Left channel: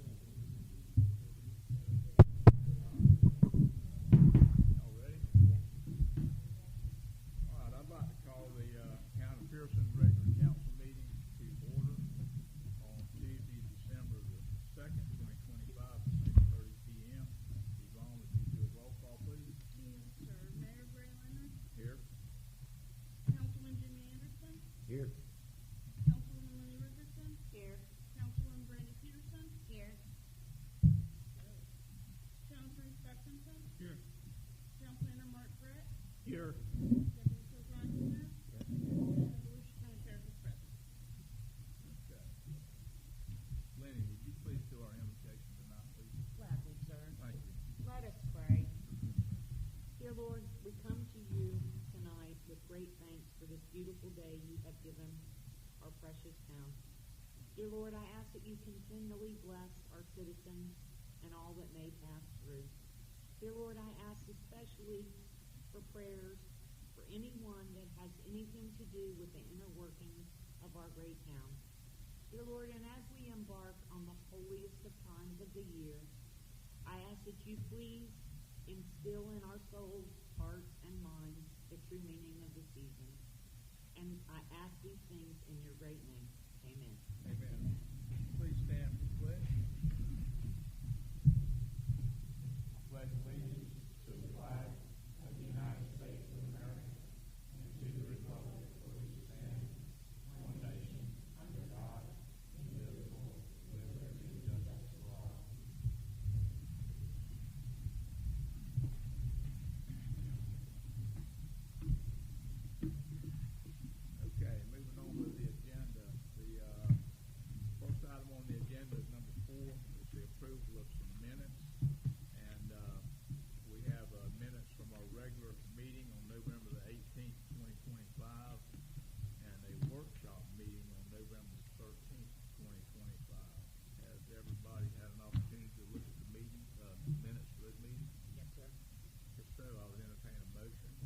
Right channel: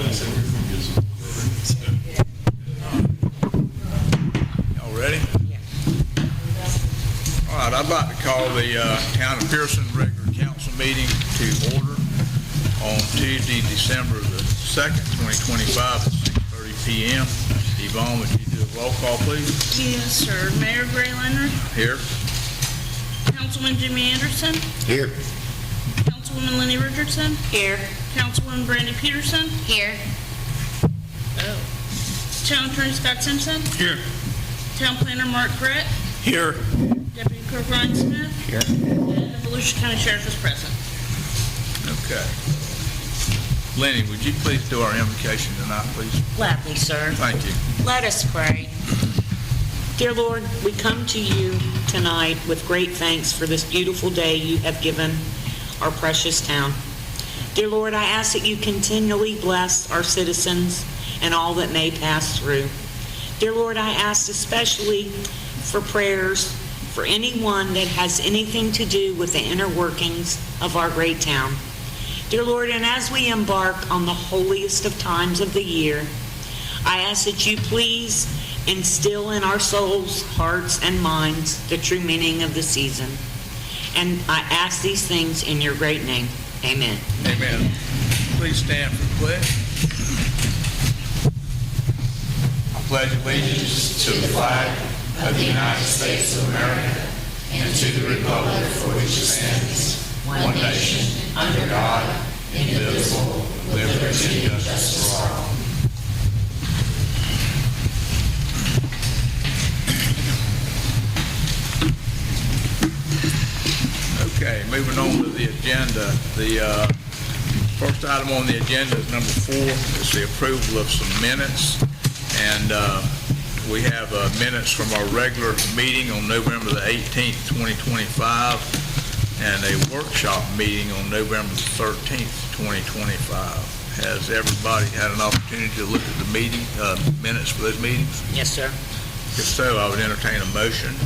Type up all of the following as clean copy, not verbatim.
Y'all ready? All right, I'd like to call the Town of Pierson regular council meeting to order on Tuesday, December the 2nd, 2025 at 6:30 p.m. Yvonne, would you do a roll call, please? Yes, sir. Mayor Gray Leonard, Here. Councilman Jimmy Anderson, Here. Councilwoman Lenny Richardson, Here. Councilwoman Brandy Pierson, Here. Town Attorney Scott Simpson, Here. Town Planner Mark Brett, Here. Deputy Clerk Ryan Smith, Here. and the Volusia County Sheriff is present. Okay. Lenny, would you please do our invocation tonight, please? Gladly, sir. Thank you. Let us pray. Dear Lord, we come to you tonight with great thanks for this beautiful day you have given our precious town. Dear Lord, I ask that you continually bless our citizens and all that may pass through. Dear Lord, I ask especially for prayers for anyone that has anything to do with the inner workings of our great town. Dear Lord, and as we embark on the holiest of times of the year, I ask that you please instill in our souls, hearts, and minds the true meaning of the season. And I ask these things in your great name. Amen. Amen. Please stand for the pledge. I pledge allegiance to the flag of the United States of America and to the republic for which it stands, one nation, under God, indivisible, with liberty and justice for all. Okay, moving on to the agenda. The first item on the agenda is number 4. It's the approval of some minutes. And we have minutes from our regular meeting on November the 18th, 2025, and a workshop meeting on November the 13th, 2025. Has everybody had an opportunity to look at the meeting minutes for those meetings? Yes, sir. If so, I would entertain a motion.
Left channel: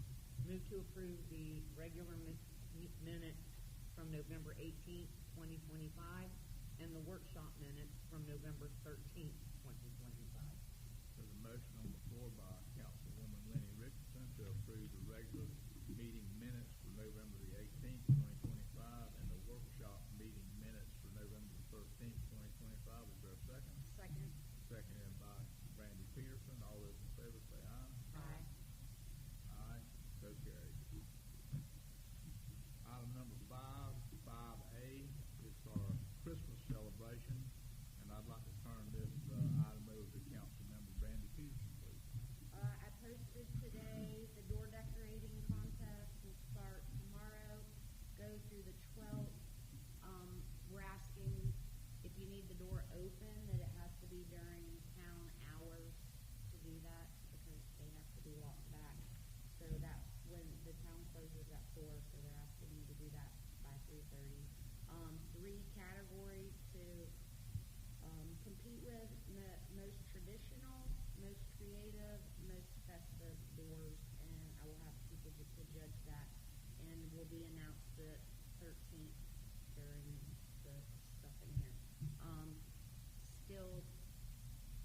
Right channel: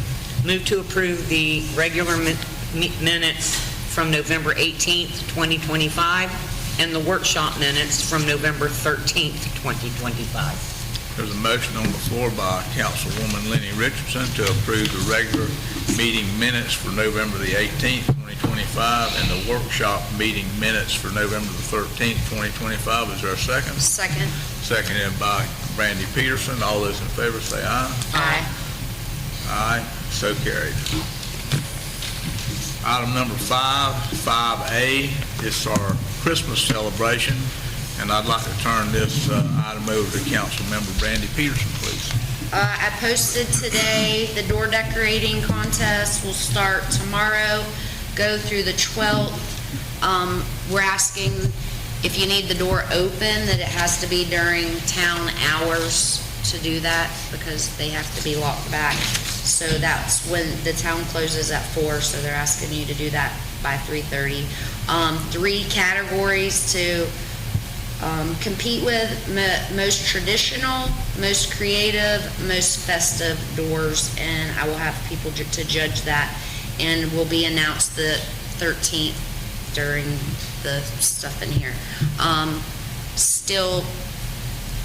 Move to approve the regular minutes from November 18th, 2025, and the workshop minutes from November 13th, 2025. There's a motion on the floor by Councilwoman Lenny Richardson to approve the regular meeting minutes for November the 18th, 2025, and the workshop meeting minutes for November the 13th, 2025. Is there a second? Second. Seconded by Brandy Pierson. All those in favor say aye. Aye. Aye. So carried. Item number 5A, is our Christmas celebration. And I'd like to turn this item over to Councilmember Brandy Pierson, please. I posted today the door decorating contest will start tomorrow, go through the 12th. We're asking if you need the door open, that it has to be during town hours to do that, because they have to be locked back. So that's when the town closes at 4, so they're asking you to do that by 3:30. 3 categories to compete with: most traditional, most creative, most festive doors, and I will have people to judge that, and will be announced the 13th during the stuff in here. Still,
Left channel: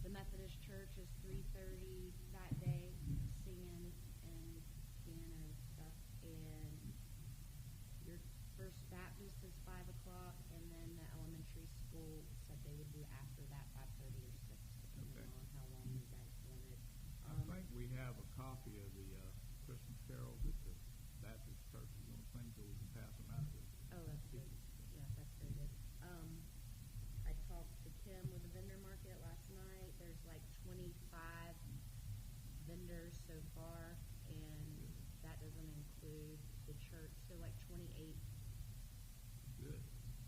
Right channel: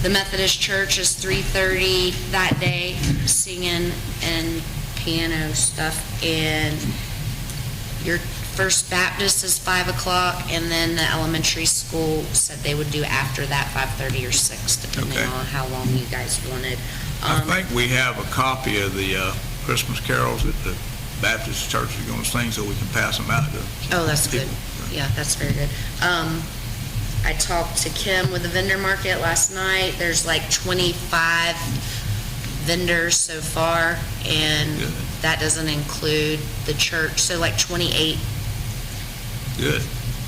the Methodist Church is 3:30 that day, singing and piano stuff, and your First Baptist is 5 o'clock, and then the elementary school said they would do after that 5:30 or 6, depending on how long you guys wanted. I think we have a copy of the Christmas carols that the Baptist church is going to sing, so we can pass them out to Oh, that's people. good. Yeah, that's very good. I talked to Kim with the vendor market last night. There's like 25 vendors so far, and Good. that doesn't include the church, so like 28 Good.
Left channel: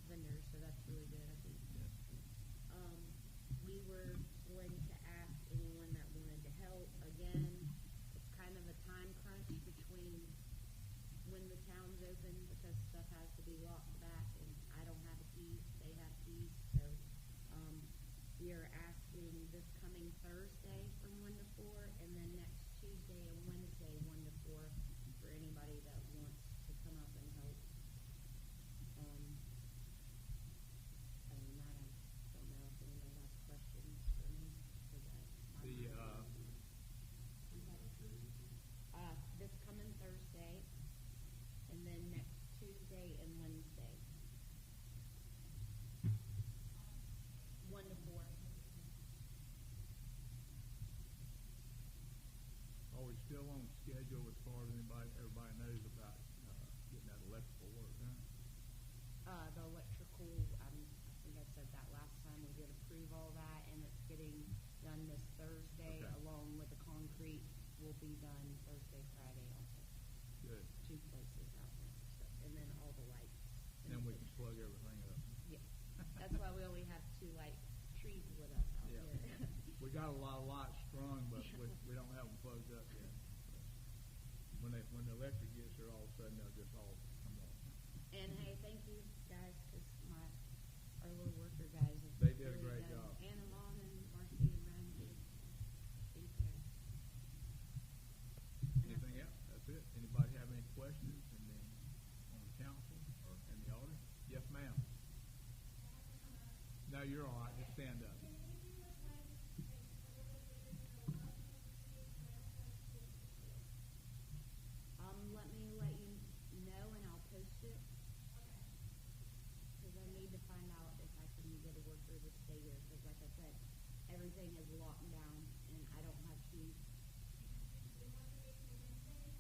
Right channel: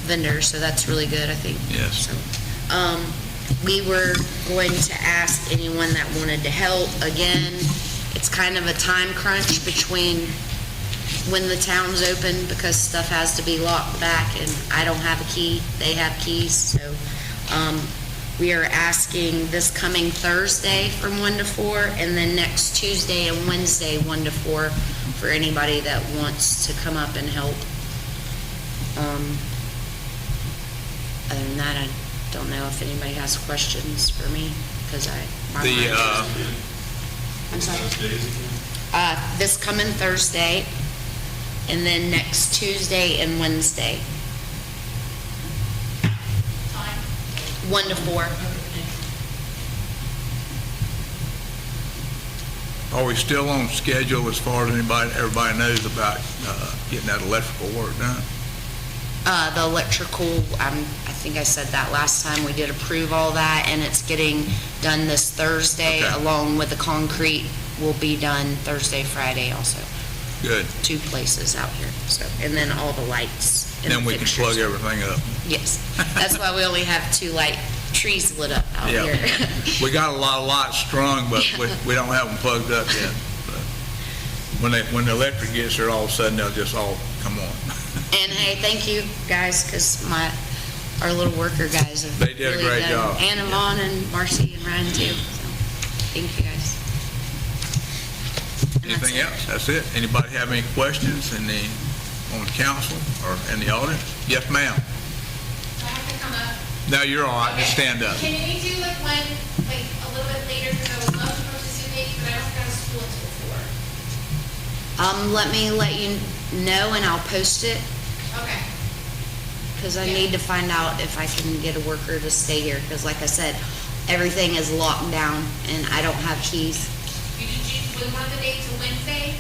vendors, so that's really good, I think. Yes. So, we were going to ask anyone that wanted to help. Again, it's kind of a time crunch between when the town's open, because stuff has to be locked back, and I don't have a key, they have keys, so we are asking this coming Thursday from 1 to 4, and then next Tuesday and Wednesday 1 to 4 for anybody that wants to come up and help. Other than that, don't know if anybody has questions for me, because my The, mind I'm sorry. This coming Thursday, and then next Tuesday and Wednesday. 1 to 4. are we still on schedule as far as everybody knows about getting that electrical work done? The electrical, I think I said that last time, we did approve all that, and it's getting done this Thursday, Okay. along with the concrete will be done Thursday, Friday also. Good. 2 places out here, so, and then all the lights and Then the we can fixtures. plug everything up. Yes, that's why we only have 2 light trees lit up out Yeah. here. We got a lot of lights strung, but we don't have them plugged up yet. But when the electric gets there, all of a sudden, they'll just all come on. And hey, thank you guys, because our little worker guys have They did a really great done- job. And Yvonne and Marcy and Ryan too, so, thank you guys. And that's Anything it. else? That's it. Anybody have any questions on the council or in the audience? Yes, ma'am. I have to come up. No, you're all right. Just stand up. Can we do like one, like a little bit later, because I would love to participate, but I don't go to school until 4. Let me let you know, and I'll post it, Okay. because I need to find out if I can get a worker to stay here, because like I said, everything is locked down, and I don't have keys. You can choose, we want the date to Wednesday?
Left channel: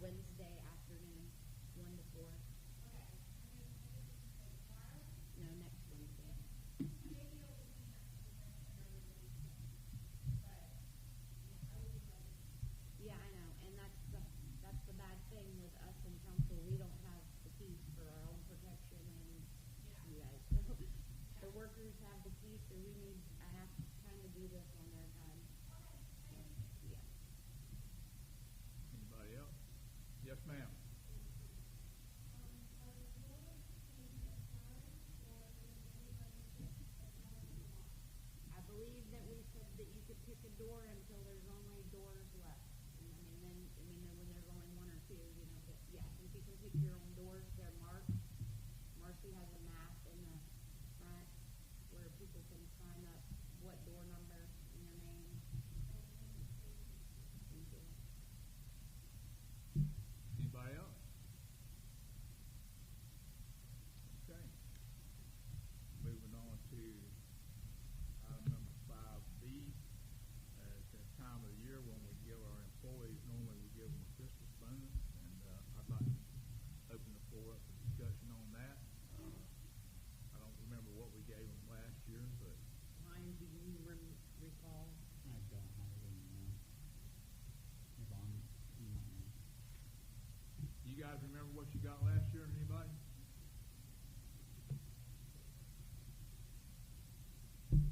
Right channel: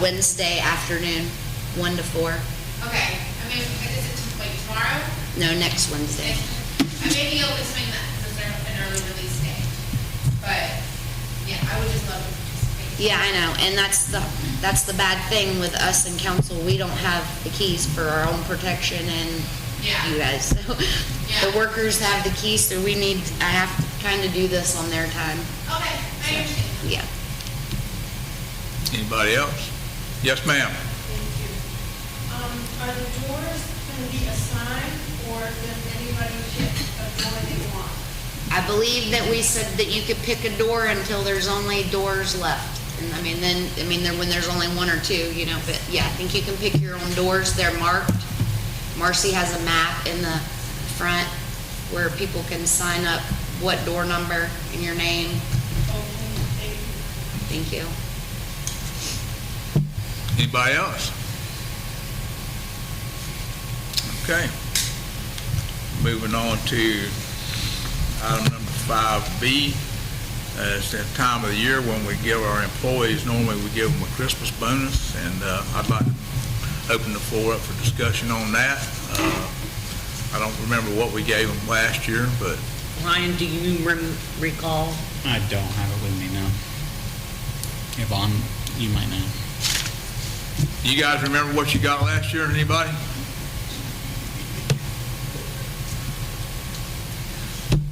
Wednesday afternoon, 1 to 4. Okay. I mean, is it like tomorrow? No, next Wednesday. I may be able to swing that, because they're an early release day. But, yeah, I would just love to participate. Yeah, I know, and that's the bad thing with us in council, we don't have the keys for our own protection and Yeah. you guys. So Yeah. the workers have the keys, so I have to kind of do this on their time. Okay, I understand. Yeah. Anybody else? Yes, ma'am. Thank you. Are the doors going to be assigned, or does anybody pick a door they want? I believe that we said that you could pick a door until there's only doors left. And when there's only 1 or 2, but yeah, I think you can pick your own doors. They're marked. Marcy has a map in the front where people can sign up what door number and your name. Okay, thank you. Thank you. Anybody else? Okay. Moving on to item number 5B. It's that time of the year when we give our employees, normally we give them a Christmas bonus, and I'd like to open the floor up for discussion on that. I don't remember what we gave them last year, but Ryan, do you recall? I don't have it with me now. Yvonne, you might know. you guys remember what you got last year, anybody?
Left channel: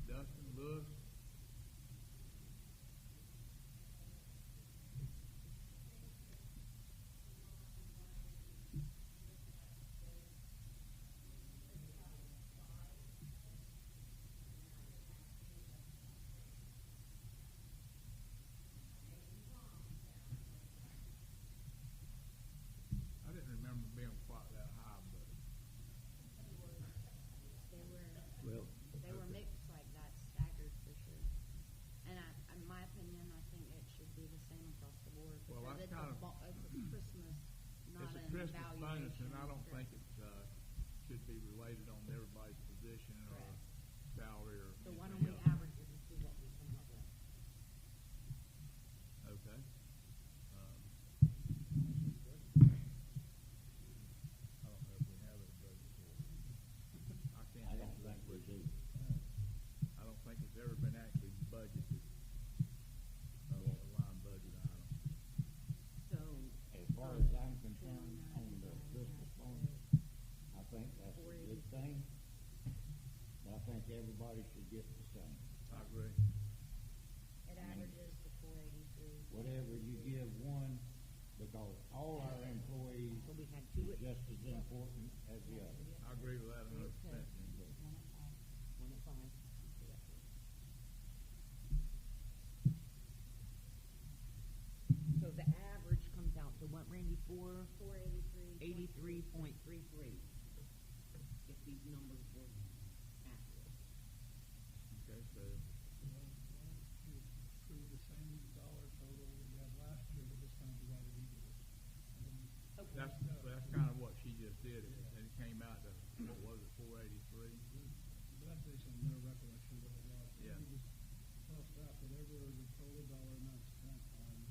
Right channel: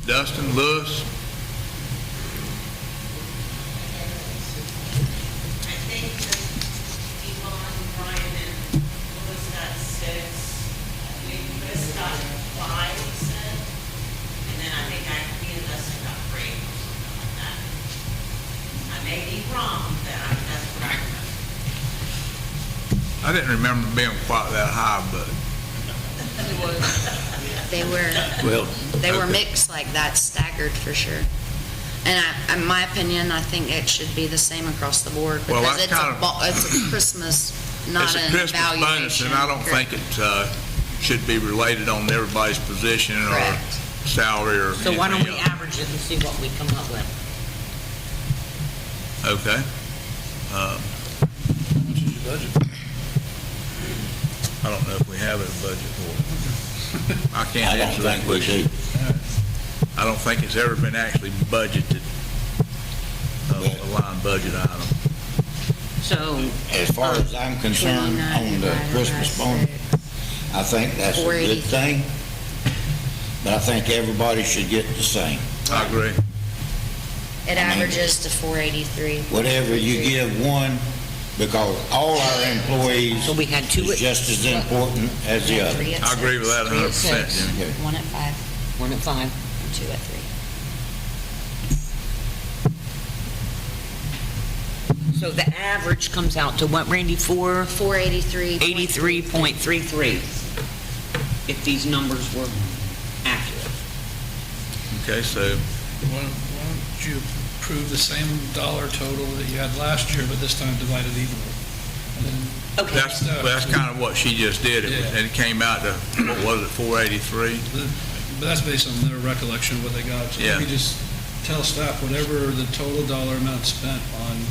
Dustin, Lewis? I think that Yvonne, Brian, and Louis got 6. I think Chris got 5, he said. And then I think me and Dustin got 3, or something like that. I may be wrong, but that's what I remember. I didn't remember being quite that high, but They were mixed like that, staggered for sure. And in my opinion, I think it should be the same across the board, Well, because that's it's a Christmas, not it's a an Christmas bonus, evaluation. and I don't think it should be related on everybody's position or Correct. salary or So why don't we anything else. average it and see what we come up with? Okay. What's your budget? I don't know if we have a budget for it. I can't I don't answer that think we question. do. I don't think it's ever been actually budgeted, a line budget item. So, As far as I'm concerned, 29 on the divided by Christmas bonus, 6. I think that's a good 483. thing. But I think everybody should get the same. I agree. It averages to 483. Whatever you give one, because all our employees So we had 2 is at, just as important as the other. 3 at I agree with that 6, 100%, 3 at 6, Jim. 1 at 5, 1 at 5. and 2 at 3. So the average comes out to what, Randy? 483. 83.33, if these numbers were accurate. Okay, so, Why don't you approve the same dollar total that you had last year, but this time divided evenly? And then Okay. that's kind of what she just did. Yeah. And it came out to, what was it, 483? But that's based on their recollection of what they got. So Yeah. maybe just tell staff whatever the total dollar amount spent on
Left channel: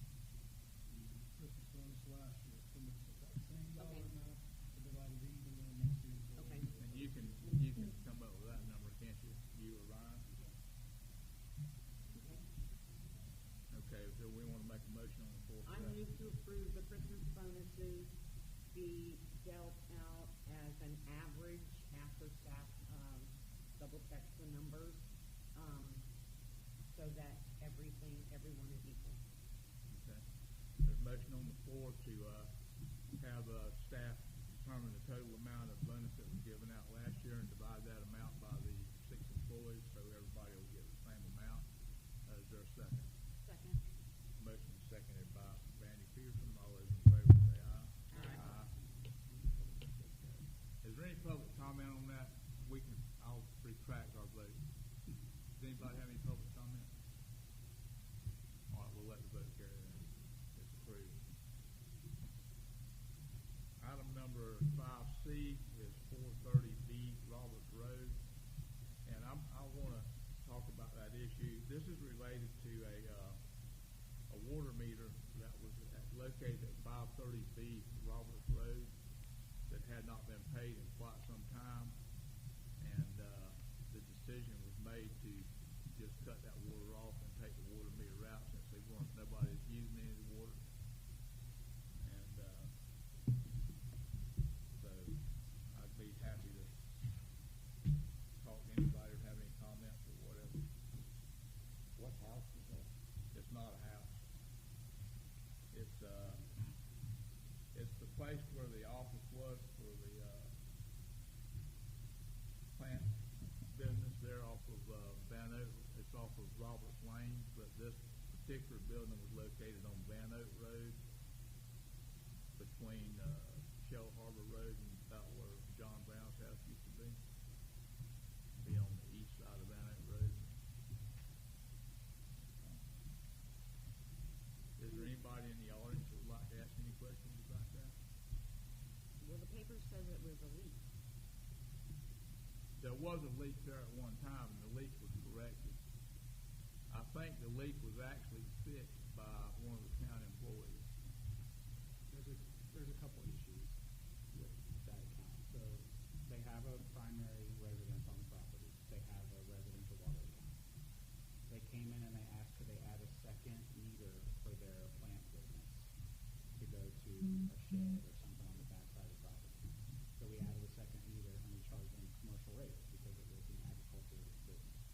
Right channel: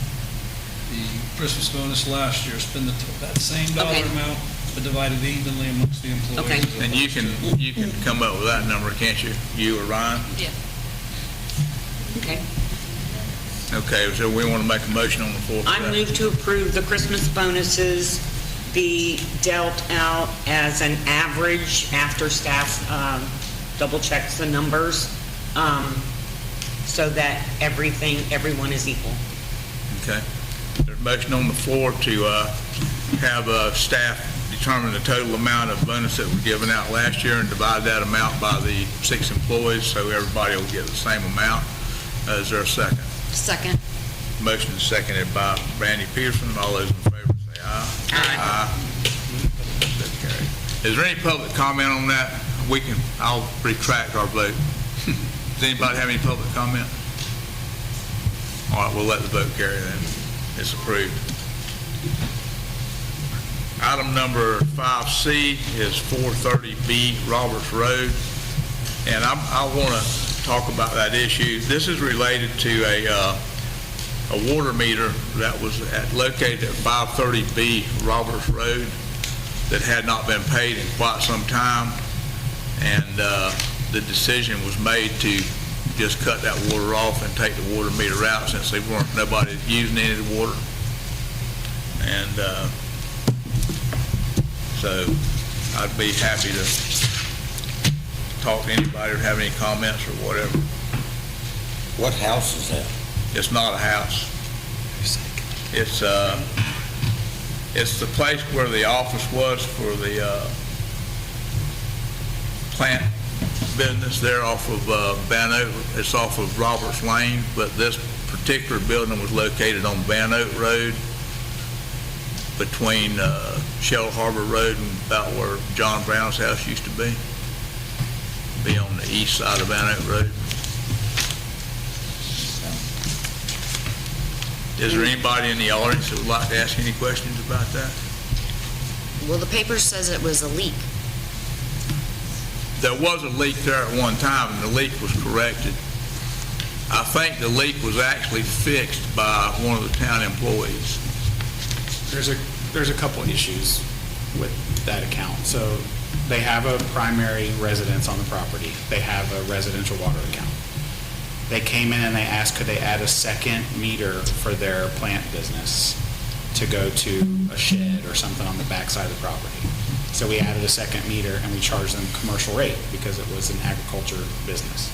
the Christmas bonus last year, spend that same dollar Okay. amount, but divided evenly amongst the employees. Okay. And you can come up with that number, can't you? You or Ryan? Yeah. Okay. Okay, so we want to make a motion on the floor for I that. move to approve the Christmas bonuses be dealt out as an average after staff double checks the numbers, so that everyone is equal. Okay. There's a motion on the floor to have staff determine the total amount of bonus that was given out last year and divide that amount by the 6 employees, so everybody will get the same amount. Is there a second? Second. Motion is seconded by Randy Pierson. All those in favor say aye. Aye. So carried. Is there any public comment on that? I'll retract our vote. Does anybody have any public comment? All right, we'll let the vote carry then. It's approved. Item number 5C is 430B Roberts Road. And I want to talk about that issue. This is related to a water meter that was located at 530B Roberts Road that had not been paid in quite some time. And the decision was made to just cut that water off and take the water meter out since nobody using any of the water. And so I'd be happy to talk to anybody or have any comments or whatever. What house is that? It's not a house. It's the place where the office was for the plant business there off of Van Oak. It's off of Roberts Lane, but this particular building was located on Van Oak Road between Shell Harbor Road and about where John Brown's house used to be. Be on the east side of Van Oak Road. Is there anybody in the audience that would like to ask any questions about that? Well, the paper says it was a leak. There was a leak there at one time, and the leak was corrected. I think the leak was actually fixed by one of the town employees. There's a couple issues with that account. So they have a primary residence on the property. They have a residential water account. They came in and they asked could they add a second meter for their plant business to go to a shed or something on the backside of the property. So we added a second meter and we charged them commercial rate because it was an agriculture business.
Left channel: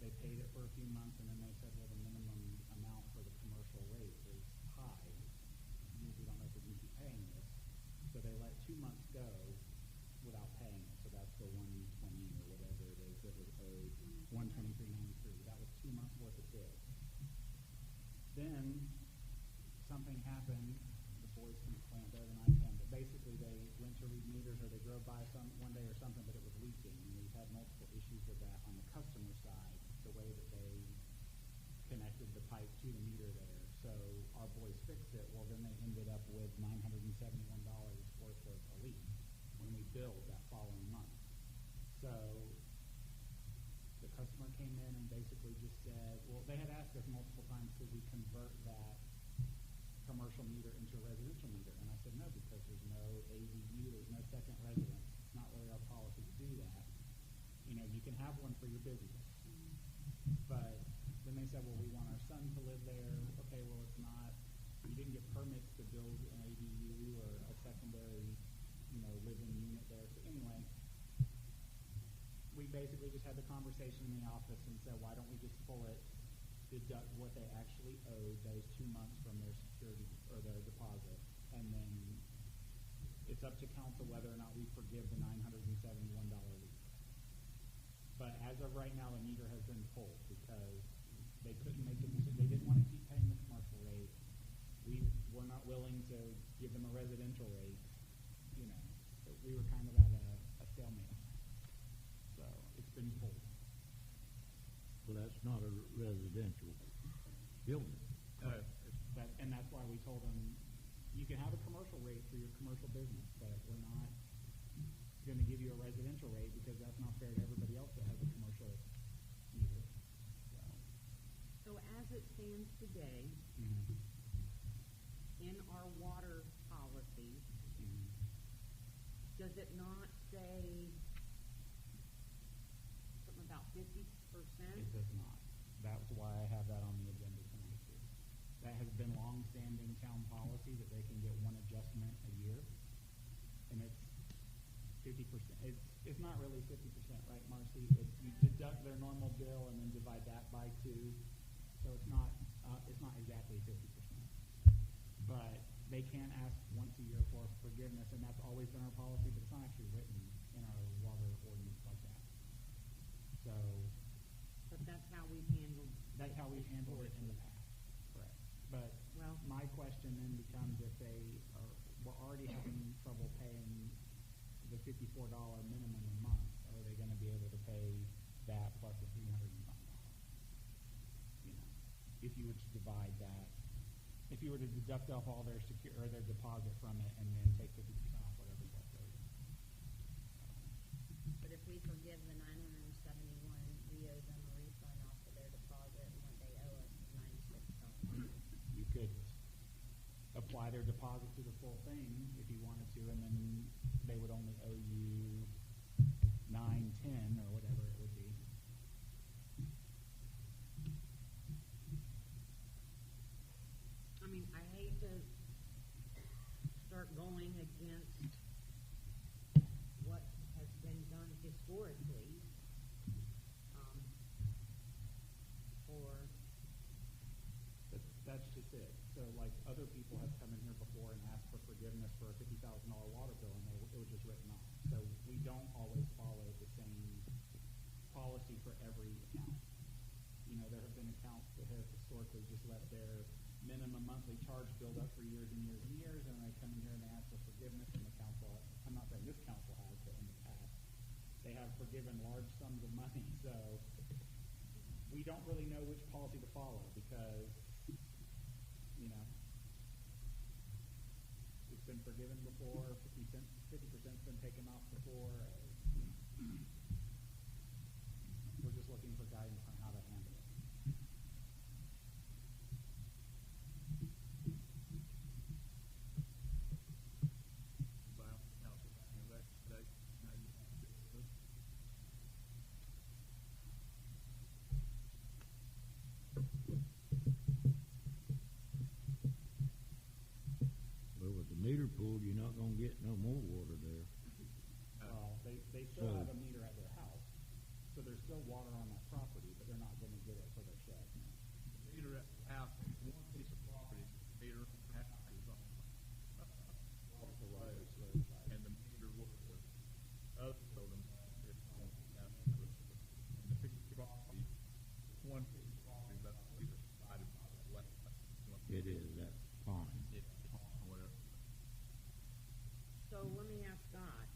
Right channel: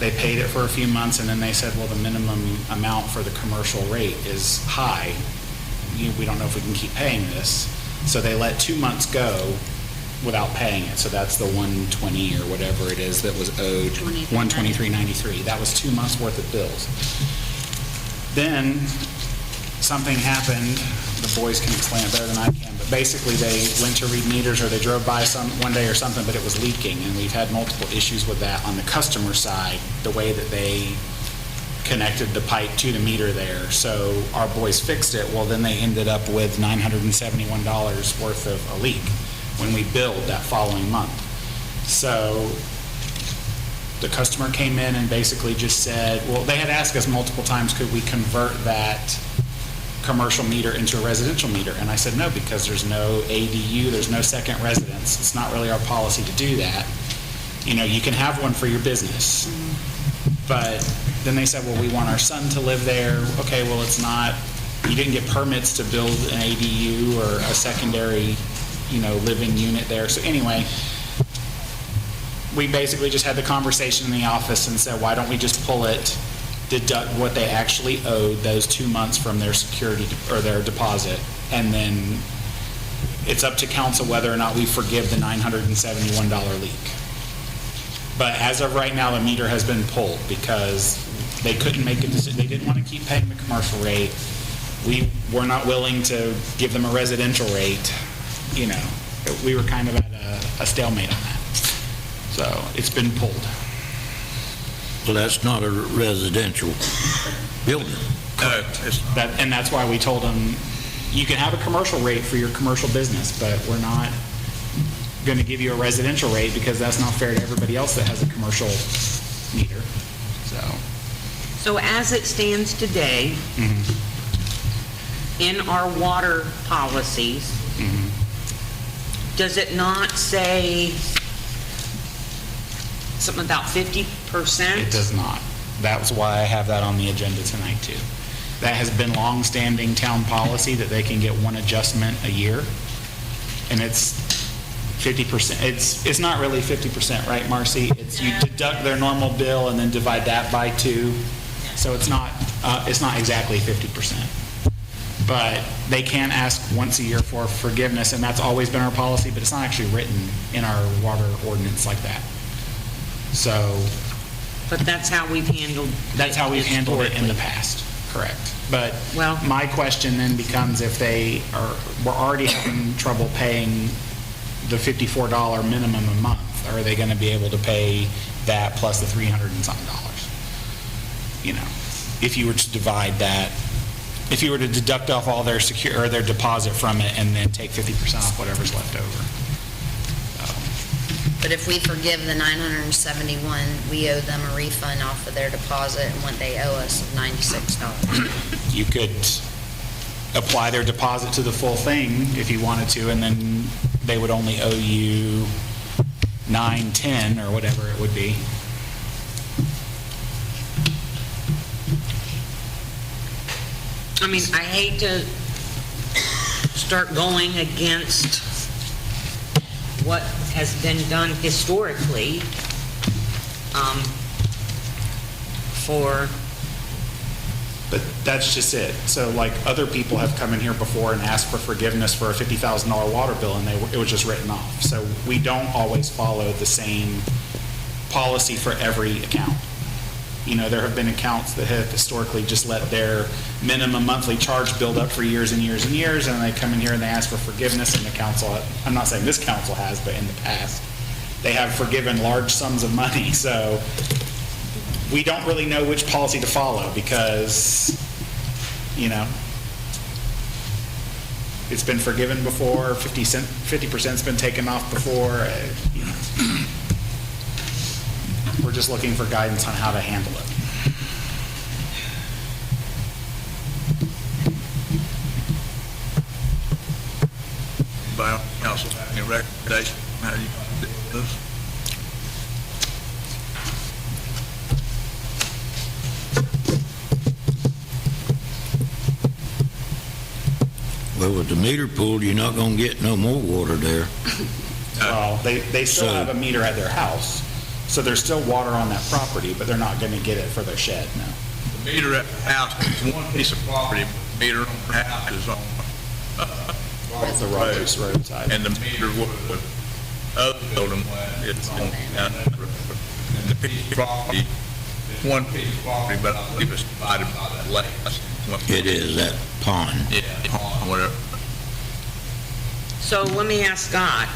They paid it for a few months and then they said, well, the minimum amount for the commercial rate is high. We don't know if we can keep paying this. So they let 2 months go without paying it. So that's the $120 or whatever it is that was owed, $123.93. That was 2 months worth of bills. Then something happened. The boys can explain it better than I can, but basically they went to read meters or they drove by one day or something, but it was leaking, and we've had multiple issues with that on the customer side, the way that they connected the pipe to the meter there. So our boys fixed it. Well, then they ended up with $971 worth of a leak when we billed that following month. So the customer came in and basically just said, well, they had asked us multiple times, could we convert that commercial meter into a residential meter? And I said no, because there's no ADU, there's no second residence. It's not really our policy to do that. You know, you can have one for your business. But then they said, well, we want our son to live there. Okay, well, it's not, you didn't get permits to build an ADU or a secondary, living unit there. So anyway, we basically just had the conversation in the office and said, why don't we just pull it, deduct what they actually owed those 2 months from their security or their deposit, and then it's up to council whether or not we forgive the $971 leak. But as of right now, the meter has been pulled because they couldn't make a decision. They didn't want to keep paying the commercial rate. We were not willing to give them a residential rate. We were kind of at a stalemate on that. So it's been pulled. Well, that's not a residential building. No, it's, And that's why we told them, you can have a commercial rate for your commercial business, but we're not going to give you a residential rate because that's not fair to everybody else that has a commercial meter. So as it stands today, in our water policies, does it not say something about 50%? It does not. That's why I have that on the agenda tonight, too. That has been long-standing town policy that they can get one adjustment a year, and it's 50%. It's not really 50%, right, Marcy? It's you deduct their normal bill and then divide that by 2, so it's not exactly 50%. But they can ask once a year for forgiveness, and that's always been our policy, but it's not actually written in our water ordinance like that. So But that's how we've handled that's how we've handled it in the past, correct. But Well- my question then becomes, if we're already having trouble paying the $54 minimum a month, are they going to be able to pay that plus the $300 and something dollars? If you were to divide that, if you were to deduct off all their their deposit from it and then take 50% off whatever's left over. But if we forgive the 971, we owe them a refund off of their deposit and what they owe us of $96. You could apply their deposit to the full thing if you wanted to, and then they would only owe you $9.10 or whatever it would be. I mean, I hate to start going against what has been done historically But that's just it. So like other people have come in here before and asked for forgiveness for a $50,000 water bill, and it was just written off. So we don't always follow the same policy for every account. There have been accounts that have historically just let their minimum monthly charge build up for years and years and years, and they come in here and they ask for forgiveness, and the council, I'm not saying this council has, but in the past, they have forgiven large sums of money. So we don't really know which policy to follow because, it's been forgiven before, 50%'s been taken off before. We're just looking for guidance on how to handle it. by council, any recommendation, how do you do this? Well, with the meter pool, you're not gonna get no more water there. Well, they still have a meter at their house, so there's still water on that property, but they're not going to get it for their shed, no. The meter at the house is one piece of property, but the meter on the house is on, The roadside. and the meter would, other building, it's on, and the piece of property, it's one piece of property, but I believe it's divided by that lake. It is, that pond. Yeah, pond, whatever. So let me ask Scott,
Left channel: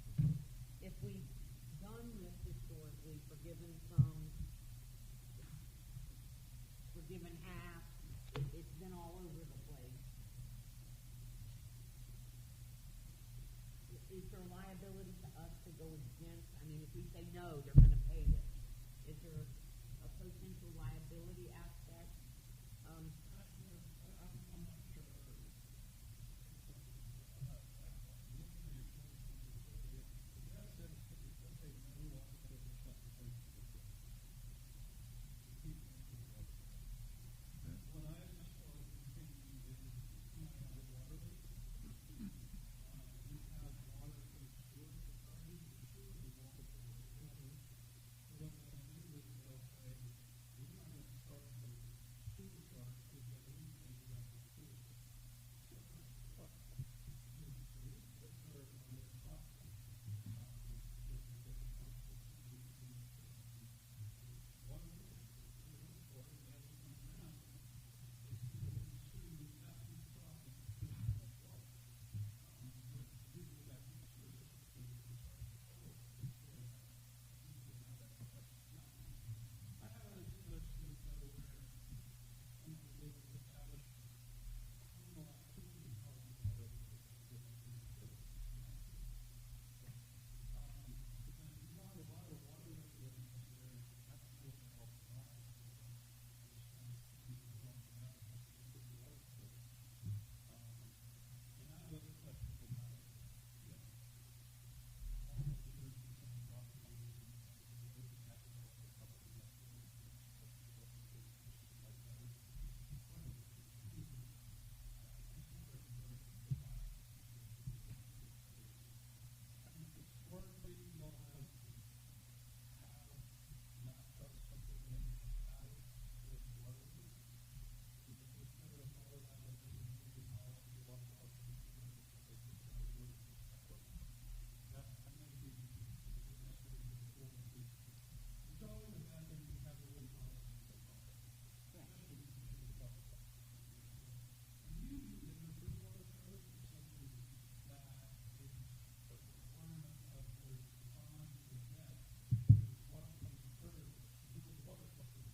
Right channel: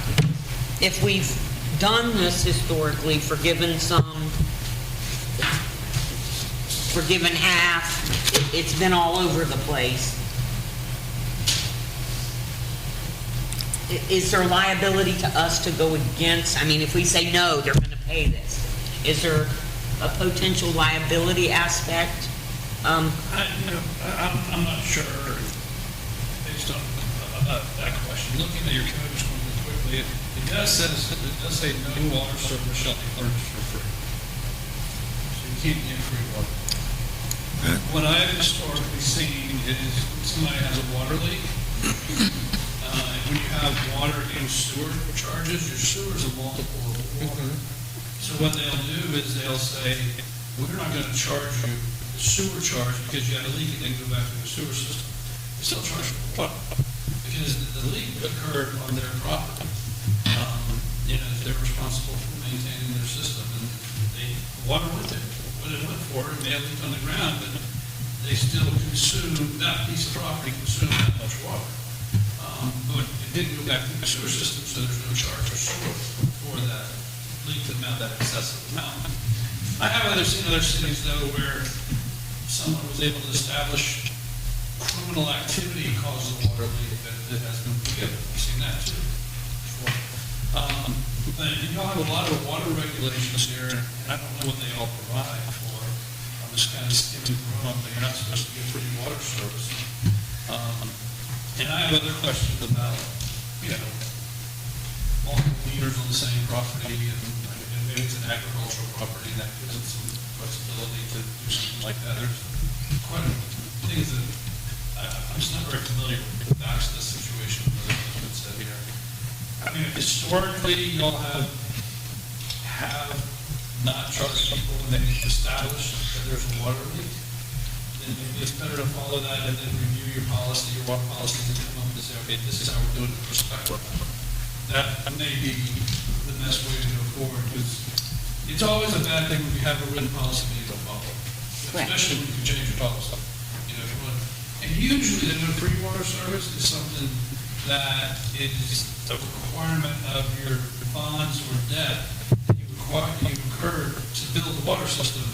if we've done this historically, forgiven half, it's been all over the place. Is there liability to us to go against, I mean, if we say no, they're going to pay this, is there a potential liability aspect? I'm not sure, based on that question. Looking at your code just going quickly, it does say no water service shall be furnished for free. So you can't get free water. What I've historically seen is somebody has a water leak, and when you have water in sewer charges, your sewer's a multiple of water. So what they'll do is they'll say, we're not going to charge you the sewer charge because you had a leak and then go back to the sewer system. They still charge you water because the leak occurred on their property. They're responsible for maintaining their system, and water went there. What it went for, it may have leaked on the ground, but they still consumed, that piece of property consumed that much water. But it didn't go back to the sewer system, so there's no charge or sewer for that leaked amount, that excessive amount. I have seen other cities though where someone was able to establish criminal activity causes a water leak that has been forgiven. I've seen that too. Before. But y'all have a lot of water regulations here, and I don't know what they all provide for. I'm just kind of skimming through them, but you're not supposed to get free water service. And I have other questions about, you know, multiple meters on the same property, and maybe it's an agricultural property that gives it some flexibility to do something like that. There's quite a things that I'm just not very familiar with the facts of the situation that has been said here. I mean, historically, y'all have not charged people when they've established that there's a water leak. Then maybe it's better to follow that and then review your policy, your water policy, and come up and say, okay, this is how we're doing it prospectively. That may be the best way to go forward, because it's always a bad thing when you have a written policy that you don't follow. Correct. Especially when you change your policy. You know, if you want, and usually the no free water service is something that is a requirement of your bonds or debt that you incur to build the water system.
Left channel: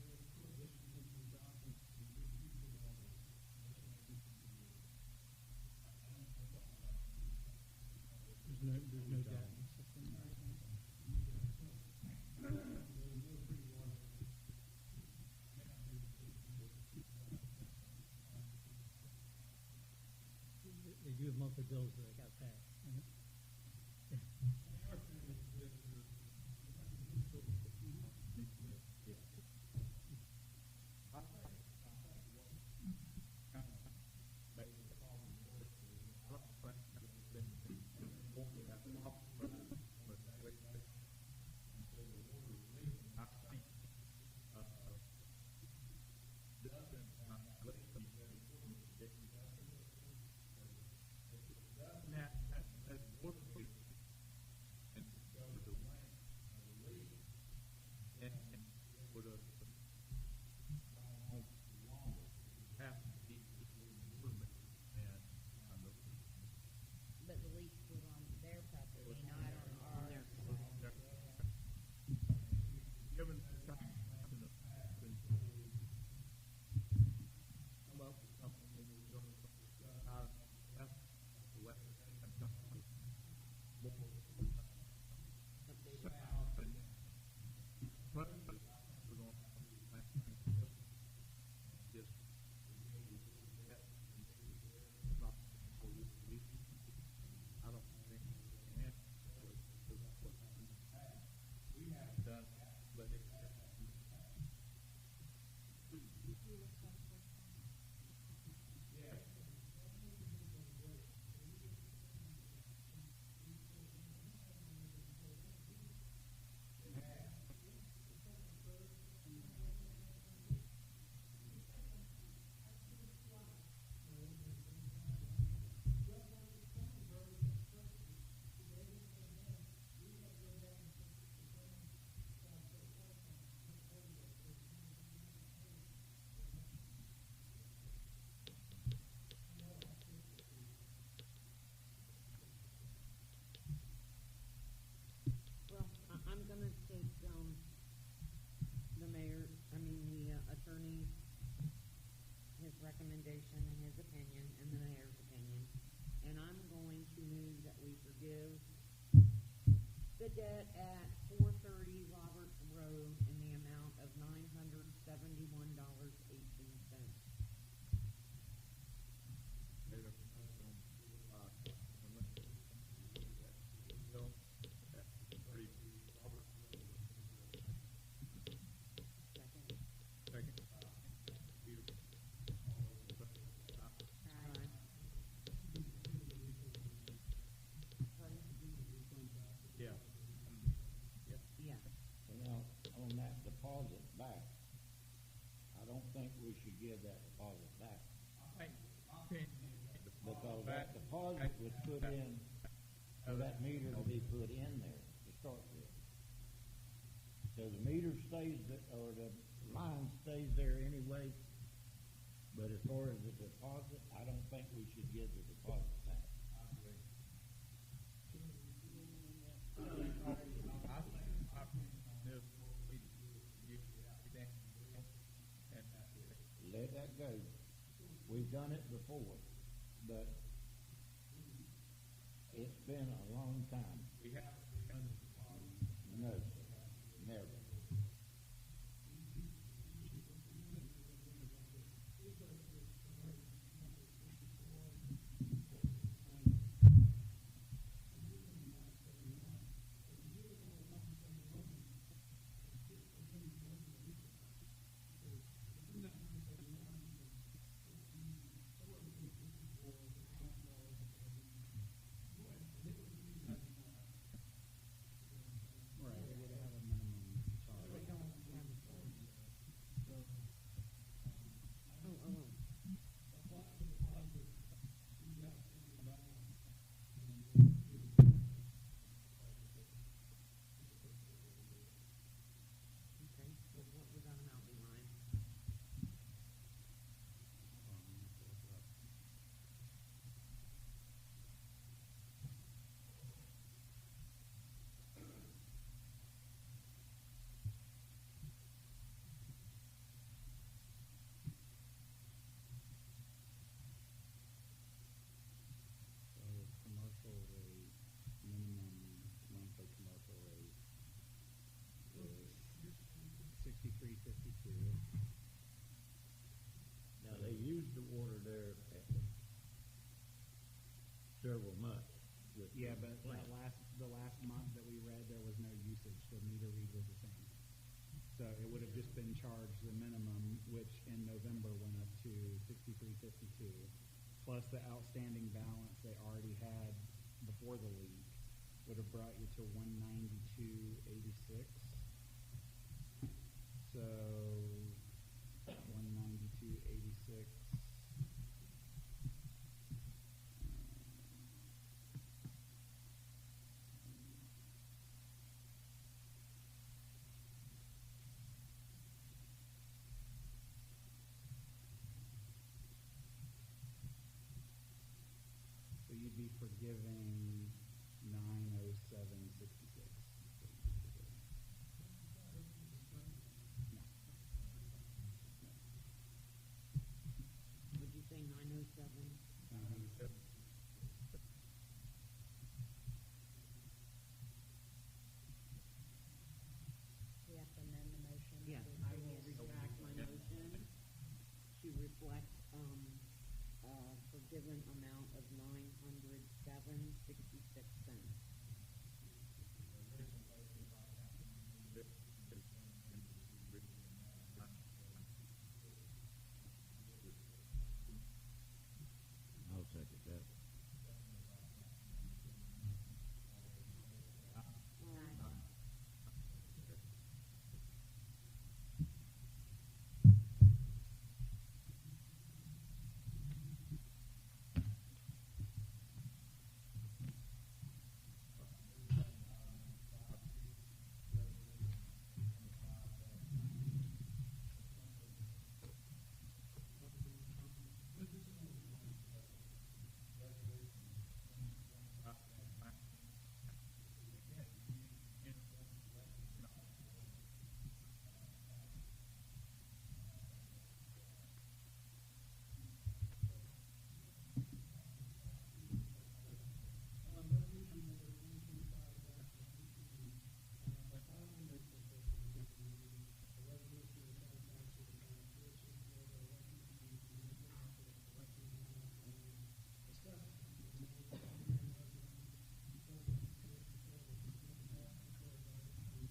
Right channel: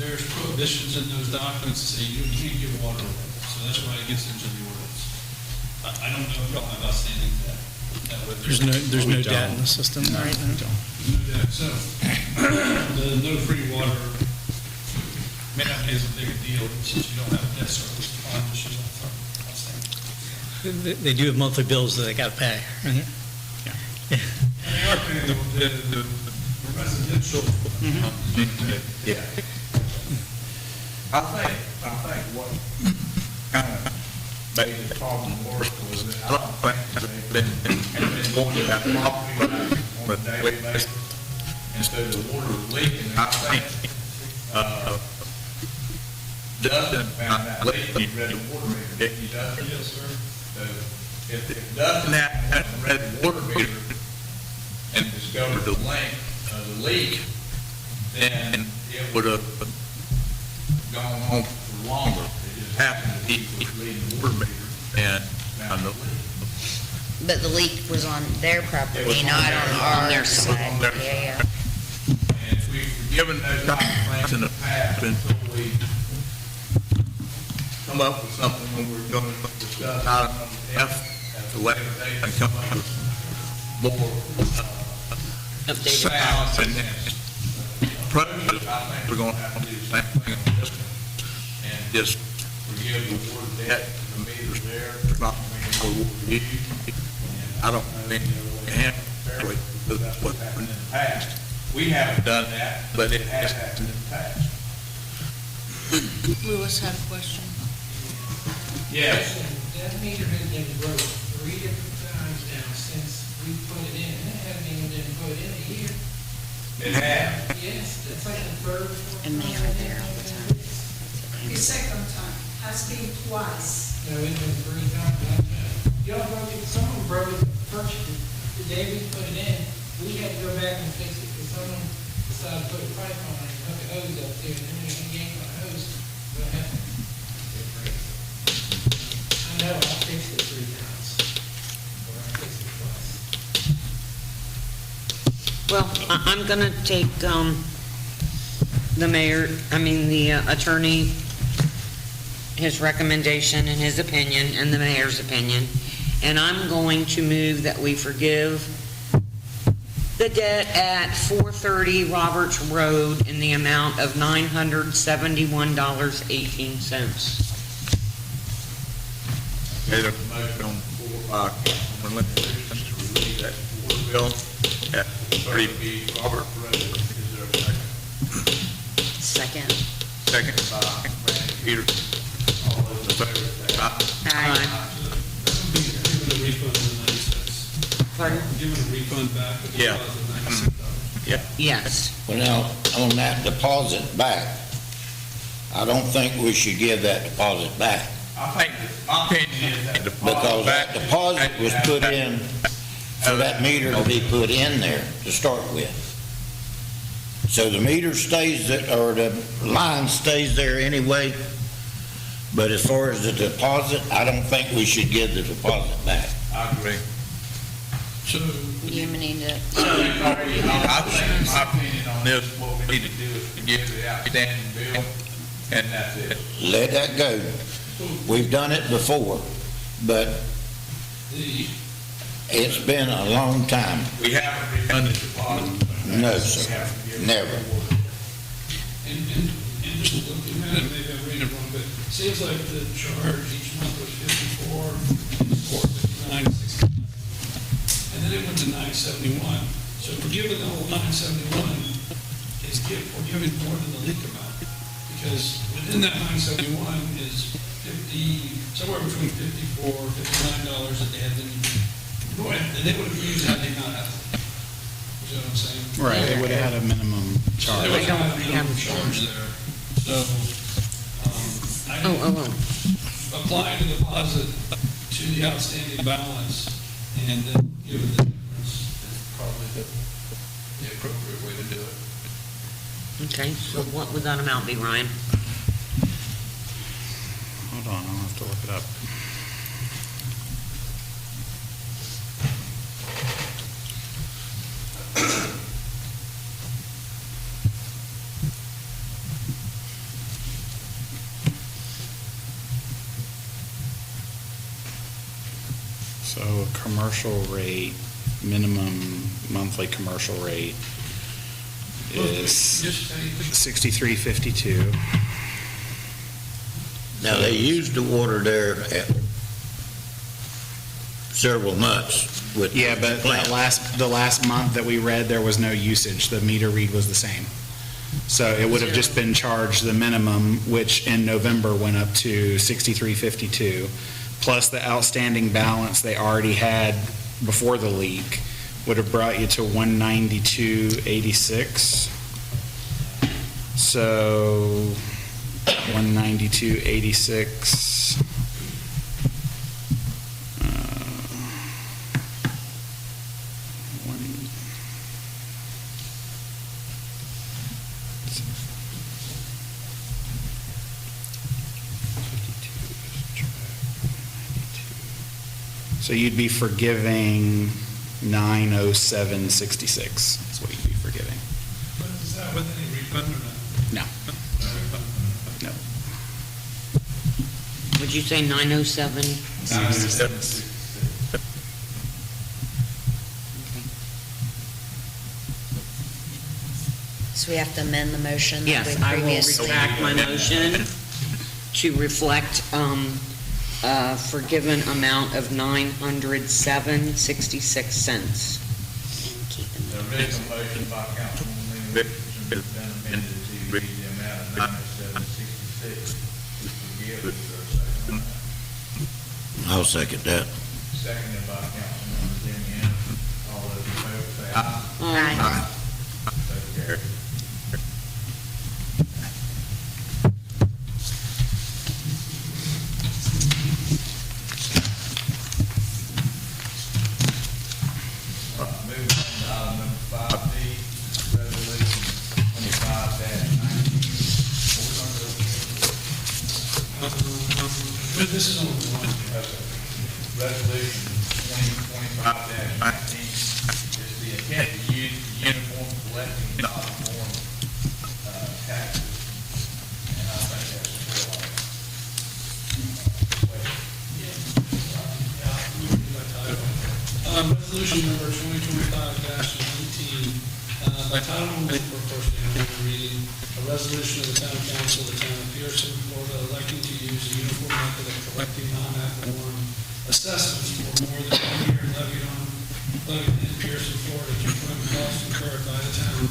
There's prohibitions in those documents that say you can't give water away. So that's why it gets into the ordinance. I don't know if y'all have outstanding debt. There's no debt in the system right now. No debt. So the no free water may not be as big a deal since you don't have debt service. The bond issues outstanding. They do have monthly bills that they got to pay. And they are paying the residential. Yeah. I think what kind of made the problem worse was that I don't think they've been going to that property on a daily basis instead of the water leaking. I think, Dustin found that leak, he read the water meter, didn't you, Dustin? Yes, sir. So if Dustin hadn't read the water meter and discovered the length of the leak, then it would have gone on for longer. It just happened that he was reading the water meter and found the leak. But the leak was on their It was property, on not their- on their our side. side. On their Yeah, yeah. And if we've given those type of things in the past, until we come up with something when we're going to discuss item number F at the later date and come up with more, Updated sound and approaches, I think we're going to have to do the same thing on this one. And just forgive the water debt, the meters there, there's not going to be no water used. And I don't think we can fairly, because that's what's happened in the past. We haven't done that, but it has happened in the past. Lewis had a question. Yes. That meter has been broke 3 different times now since we put it in, and it hasn't even been put in a year. It has. Yes, that's like the third, fourth. And they time are it's there been all the broken. time. The second time has been twice. No, it's been 3 times. Y'all broke it, someone broke it first, the day we put it in, we had to go back and fix it, because someone decided to put a pipe on it and hook a hose up there, and then when you yank on the hose, what happened? It breaks. I know, I fixed it 3 times. Or I fixed it twice. Well, I'm going to take the attorney, his recommendation and his opinion and the mayor's opinion, and I'm going to move that we forgive the debt at 430 Roberts Road in the amount of $971.18. Made a motion on the floor by Councilman Lincoln to release that water bill at 30 Robert Road. Is there a second? Second. Second by Randy Peterson. All those in favor say aye. Aye. Given a refund of the 96. Pardon? Given a refund back of the Yeah. $96. Yeah. Yes. Well, now, on that deposit back, I don't think we should give that deposit back, I think, my opinion is that because that deposit was put in for that meter to be put in there to start with. So the meter stays, or the line stays there anyway, but as far as the deposit, I don't think we should give the deposit back. I agree. So, You need to, My opinion on this, what we need to do is forgive the outstanding bill, and that's it. Let that go. We've done it before, but the, it's been a long time. We haven't refunded the deposit. No, sir, never. and just looking at it, maybe I'm reading it wrong, but it seems like the charge each month was 54, 59, 69. And then it went to 971. So if we're giving the whole 971, we're giving more than the leak amount. Because within that 971 is somewhere between $54, $59 that they had to, and they would have used had they not had it. You know what I'm saying? Right, they would have had a minimum charge. There was a minimum charge there. So, I think applying the deposit to the outstanding balance and then giving the difference is probably the appropriate way to do it. Okay, so what would that amount be, Ryan? Hold on, I'll have to look it up. So commercial rate, minimum monthly commercial rate is Just say, 63.52. Now, they used the water there at several months with. Yeah, but plant. the last month that we read, there was no usage. The meter read was the same. So it would have just been charged the minimum, which in November went up to 63.52, plus the outstanding balance they already had before the leak would have brought you to 192.86. So 192.86. So you'd be forgiving 907.66 is what you'd be forgiving. but is that with any refund or not? No. No. Would you say 907? so we have to amend the motion that Yes, we I will previously. retract my motion to reflect forgiven amount of 907.66. The original motion by Councilman Williams has been amended to read the amount of 9766. Forgive it, sir. I'll second that. Seconded by Councilman Jimmy Anderson. All those in favor say aye. Aye. So carried. All right, moving on to item number 5D, resolution 25-19. But this is only one. Resolution 2025-19 is the intent to use the uniform collecting non-form taxes. And I think that's still Resolution number 2025-19, by title only for first and only reading, a resolution of the town council of the town of Pierson, Florida, electing to use the uniform method of collecting non-ad valorem assessments for more than 1 year levied in Pierson, Florida, to fund costs incurred by the town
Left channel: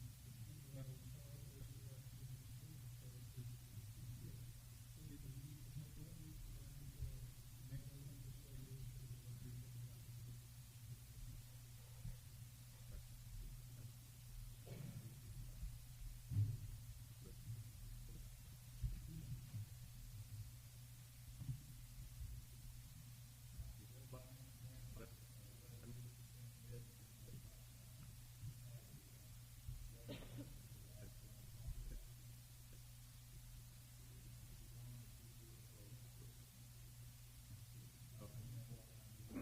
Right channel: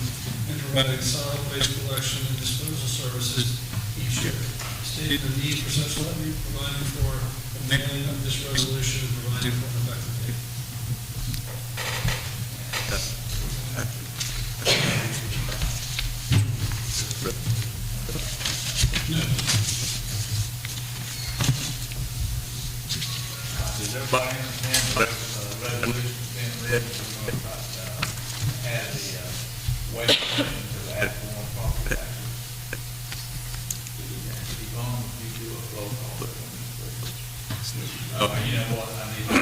in providing solid waste collection and disposal services each year. Stating the need for such levy, providing for the mailing of this resolution, and providing for an effective date. Does everybody understand what resolution's being read? We're going to add the waste collection to the ad valorem property taxes. Yvonne, would you do a roll call? Oh, you know what, I need to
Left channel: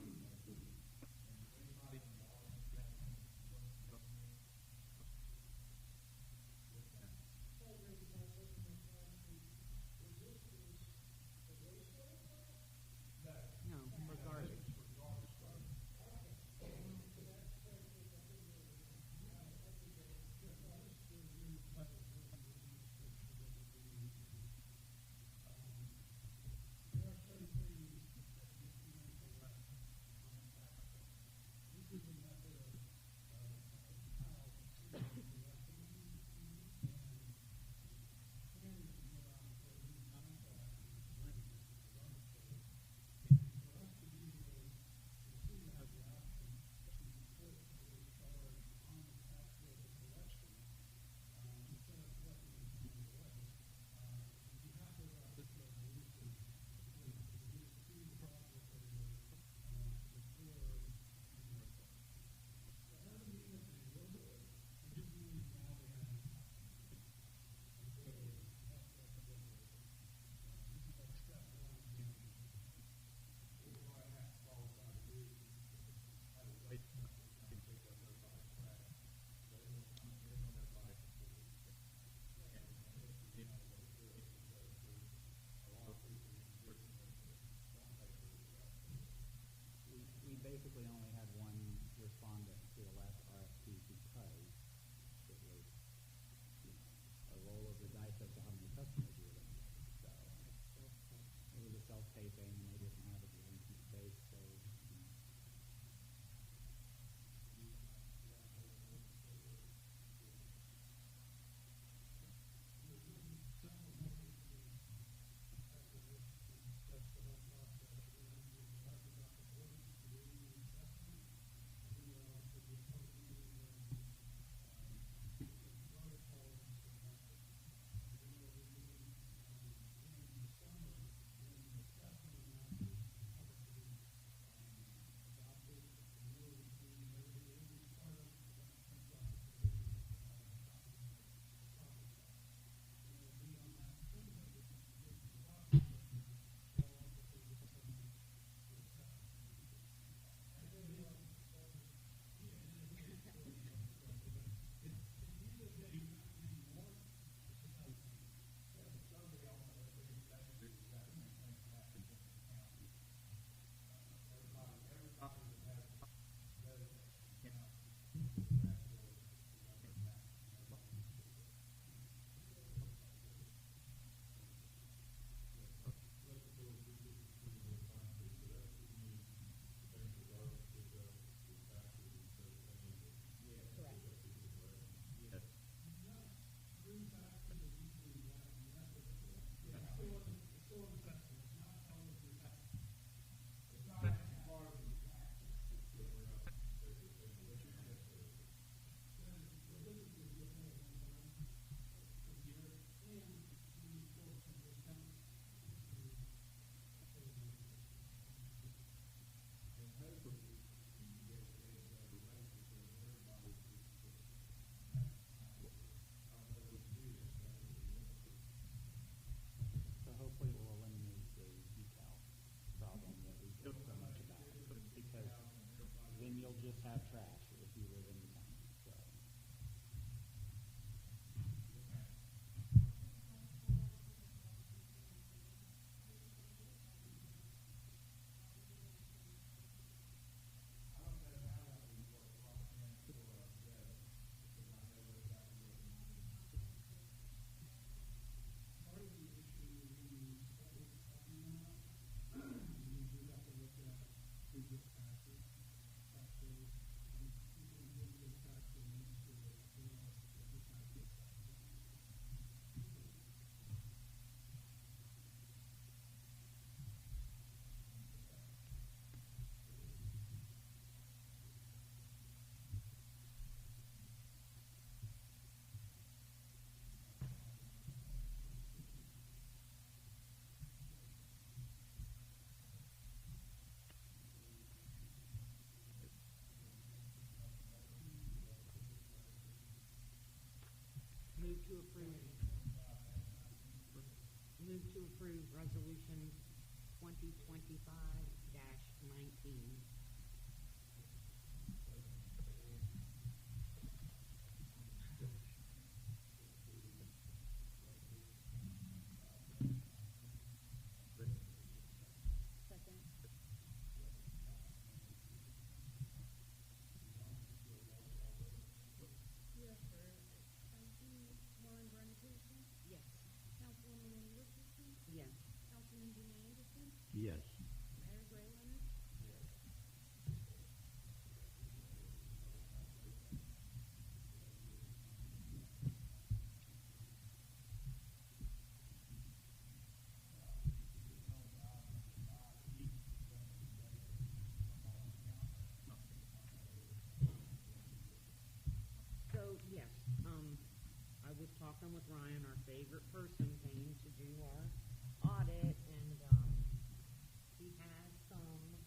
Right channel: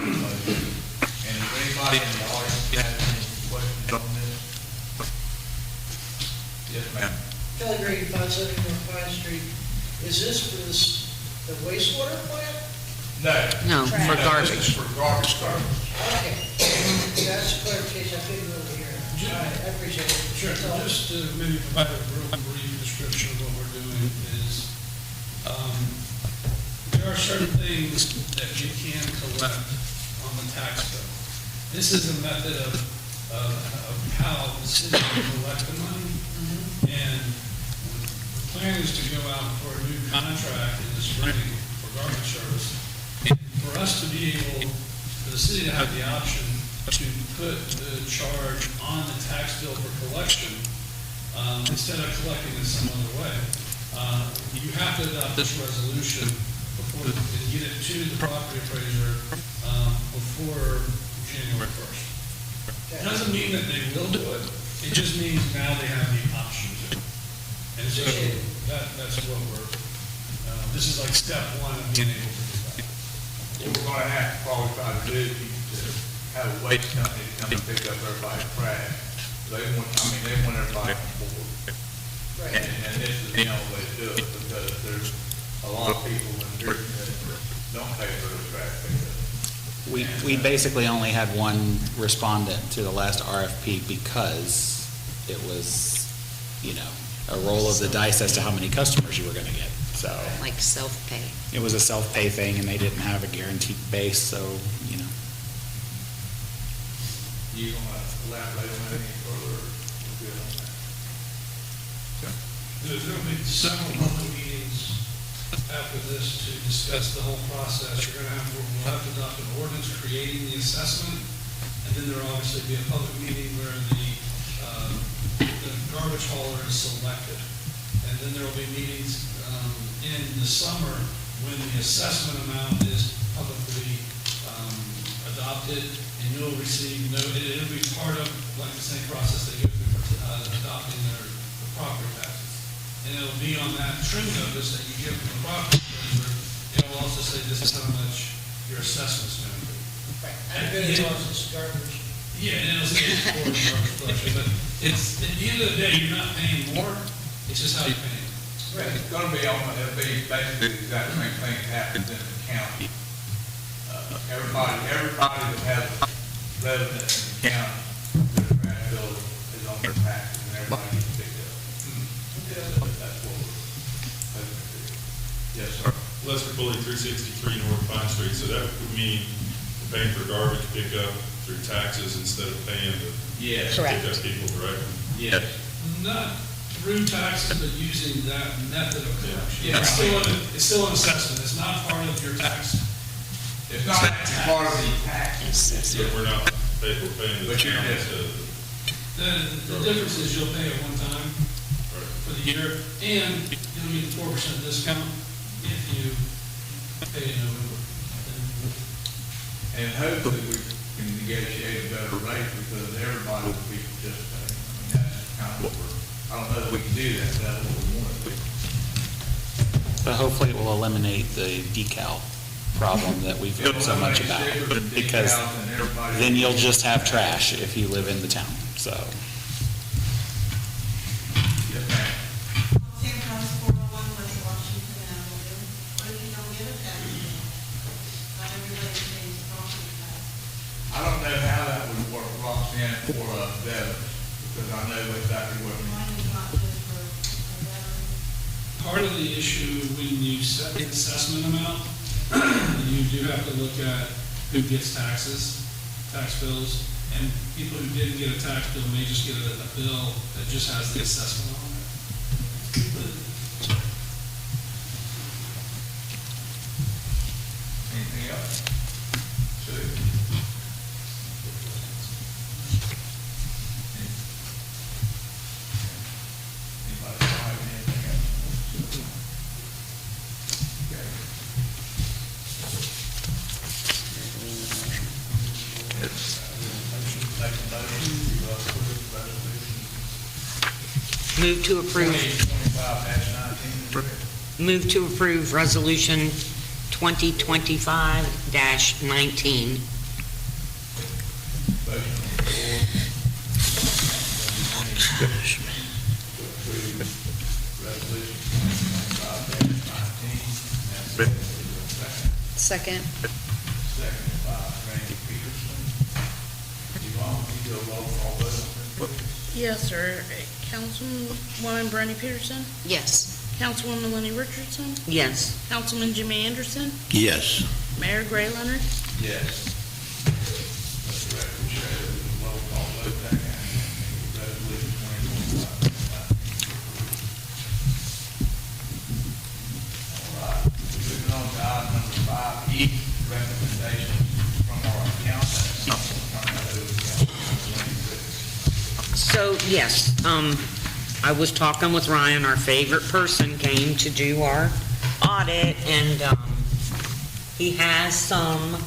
Kelly Green, 570 North Pine Street. Is this for the wastewater plant? No. No, for This garbage. is for garbage service. Okay. That's clarification, I couldn't really hear. All right, I appreciate it. Sure, just to maybe provide a real brief description of what we're doing is, there are certain things that you can collect on the tax bill. This is a method of how the city can collect the money. And the plan is to go out for a new contract in the spring for garbage service. And for us to be able, for the city to have the option to put the charge on the tax bill for collection, instead of collecting it some other way, you have to adopt this resolution before, and get it to the property appraiser, before January 1st. It doesn't mean that they will do it, it just means now they have the option to. And so that's what we're, this is like step one of being able to do that. What we're gonna have to probably try to do is to have a waste company to come and pick up everybody's trash. They want everybody on board. Right. And this is the only way to do it, because there's a lot of people in here that don't pay for the trash pickup. We basically only had one respondent to the last RFP because it was, a roll of the dice as to how many customers you were gonna get, so. Like self-pay. It was a self-pay thing, and they didn't have a guaranteed base, so, You gonna elaborate on any further? We're good on that. There's going to be several public meetings after this to discuss the whole process. We'll have to adopt an ordinance creating the assessment, and then there'll obviously be a public meeting where the garbage hauler is selected. And then there'll be meetings in the summer when the assessment amount is publicly adopted, and you'll receive, it'll be part of, like the same process they go through for adopting their property taxes. And it'll be on that trim notice that you give from the property appraiser. It'll also say this is how much your assessment's going to be. Right. I'm good as long as it's garbage. Yeah, and it'll say it's for the garbage collection, but it's, at the end of the day, you're not paying more, it's just how you pay it. Right. It's gonna be it'll be basically the exact same thing that happens in the county. Everybody that has a resident in the county, their trash bill is on their taxes, and everybody gets picked up. That's what we're hoping to do. Yes, sir. Lester Bully, 363 North Pine Street, so that would mean paying for garbage pickup through taxes instead of paying to Yes. Correct. pick up people directly. Yes. Not through taxes, but using that method of collection. Yeah. It's still an assessment, it's not part of your tax. It's not actually part of the taxes. So we're paying the But you're town just- instead of The difference is you'll pay it one time for the year, and you'll get the 4% discount if you pay in November. And hopefully we can negotiate a better rate because everybody will be participating. That's kind of what I don't know if we can do that, but that's what we want to do. but hopefully it will eliminate the decal problem that we've heard so much about. Because then you'll just have trash if you live in the town, so. Yes, ma'am. Same comes 401 West Washington Avenue. What if you don't get a tax bill? Not everybody pays property tax. I don't know how that would work, Roxanne, for veterans, because I know exactly what you mean. Mine is not just for veterans. Part of the issue when you set the assessment amount, you do have to look at who gets tax bills, and people who didn't get a tax bill may just get a bill that just has the assessment on it. Anything else? Sue? Anybody have anything else? Okay. Make a motion to approve resolution Move to approve, 2025-19. move to approve Resolution 2025-19. Motion on the floor. To approve Second. Second by Randy Peterson. Yvonne, will you do a roll call vote? Yes, sir. Councilwoman Bernie Peterson, Yes. Councilwoman Lenny Richardson, Yes. Councilman Jimmy Anderson, Yes. Mayor Gray Leonard. Yes. Let the record show that the roll call vote that resolution 2025. All right, moving on to item number 5E, recommendations from our accountant. So, yes, I was talking with Ryan, our favorite person came to do our audit, and he has some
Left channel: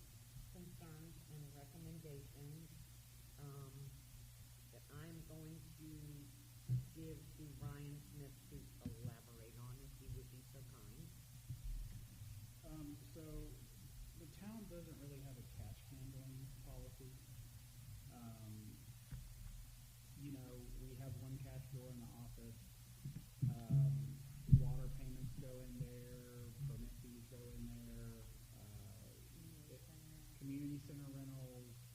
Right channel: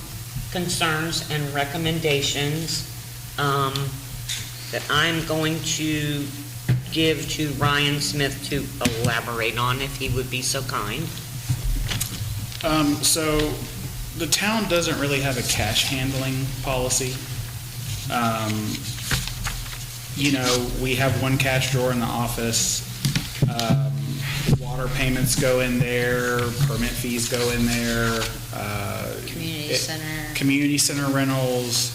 concerns and recommendations that I'm going to give to Ryan Smith to elaborate on, if he would be so kind. So the town doesn't really have a cash handling policy. We have one cash drawer in the office. Water payments go in there, permit fees go in there. Community center. Community center rentals.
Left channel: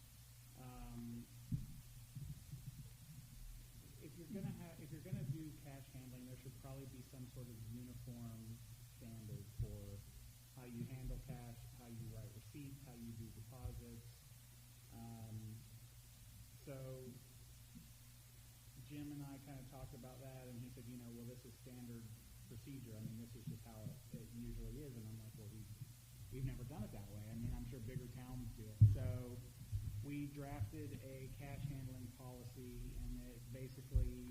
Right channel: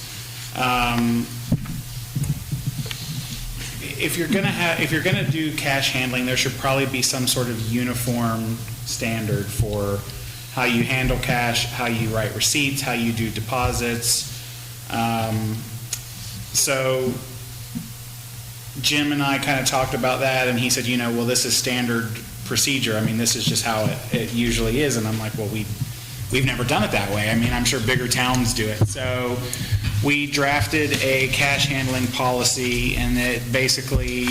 If you're gonna do cash handling, there should probably be some sort of uniform standard for how you handle cash, how you write receipts, how you do deposits. So Jim and I kind of talked about that, and he said, well, this is standard procedure. I mean, this is just how it usually is. And I'm like, well, we've never done it that way. I mean, I'm sure bigger towns do it. So we drafted a cash handling policy, and it basically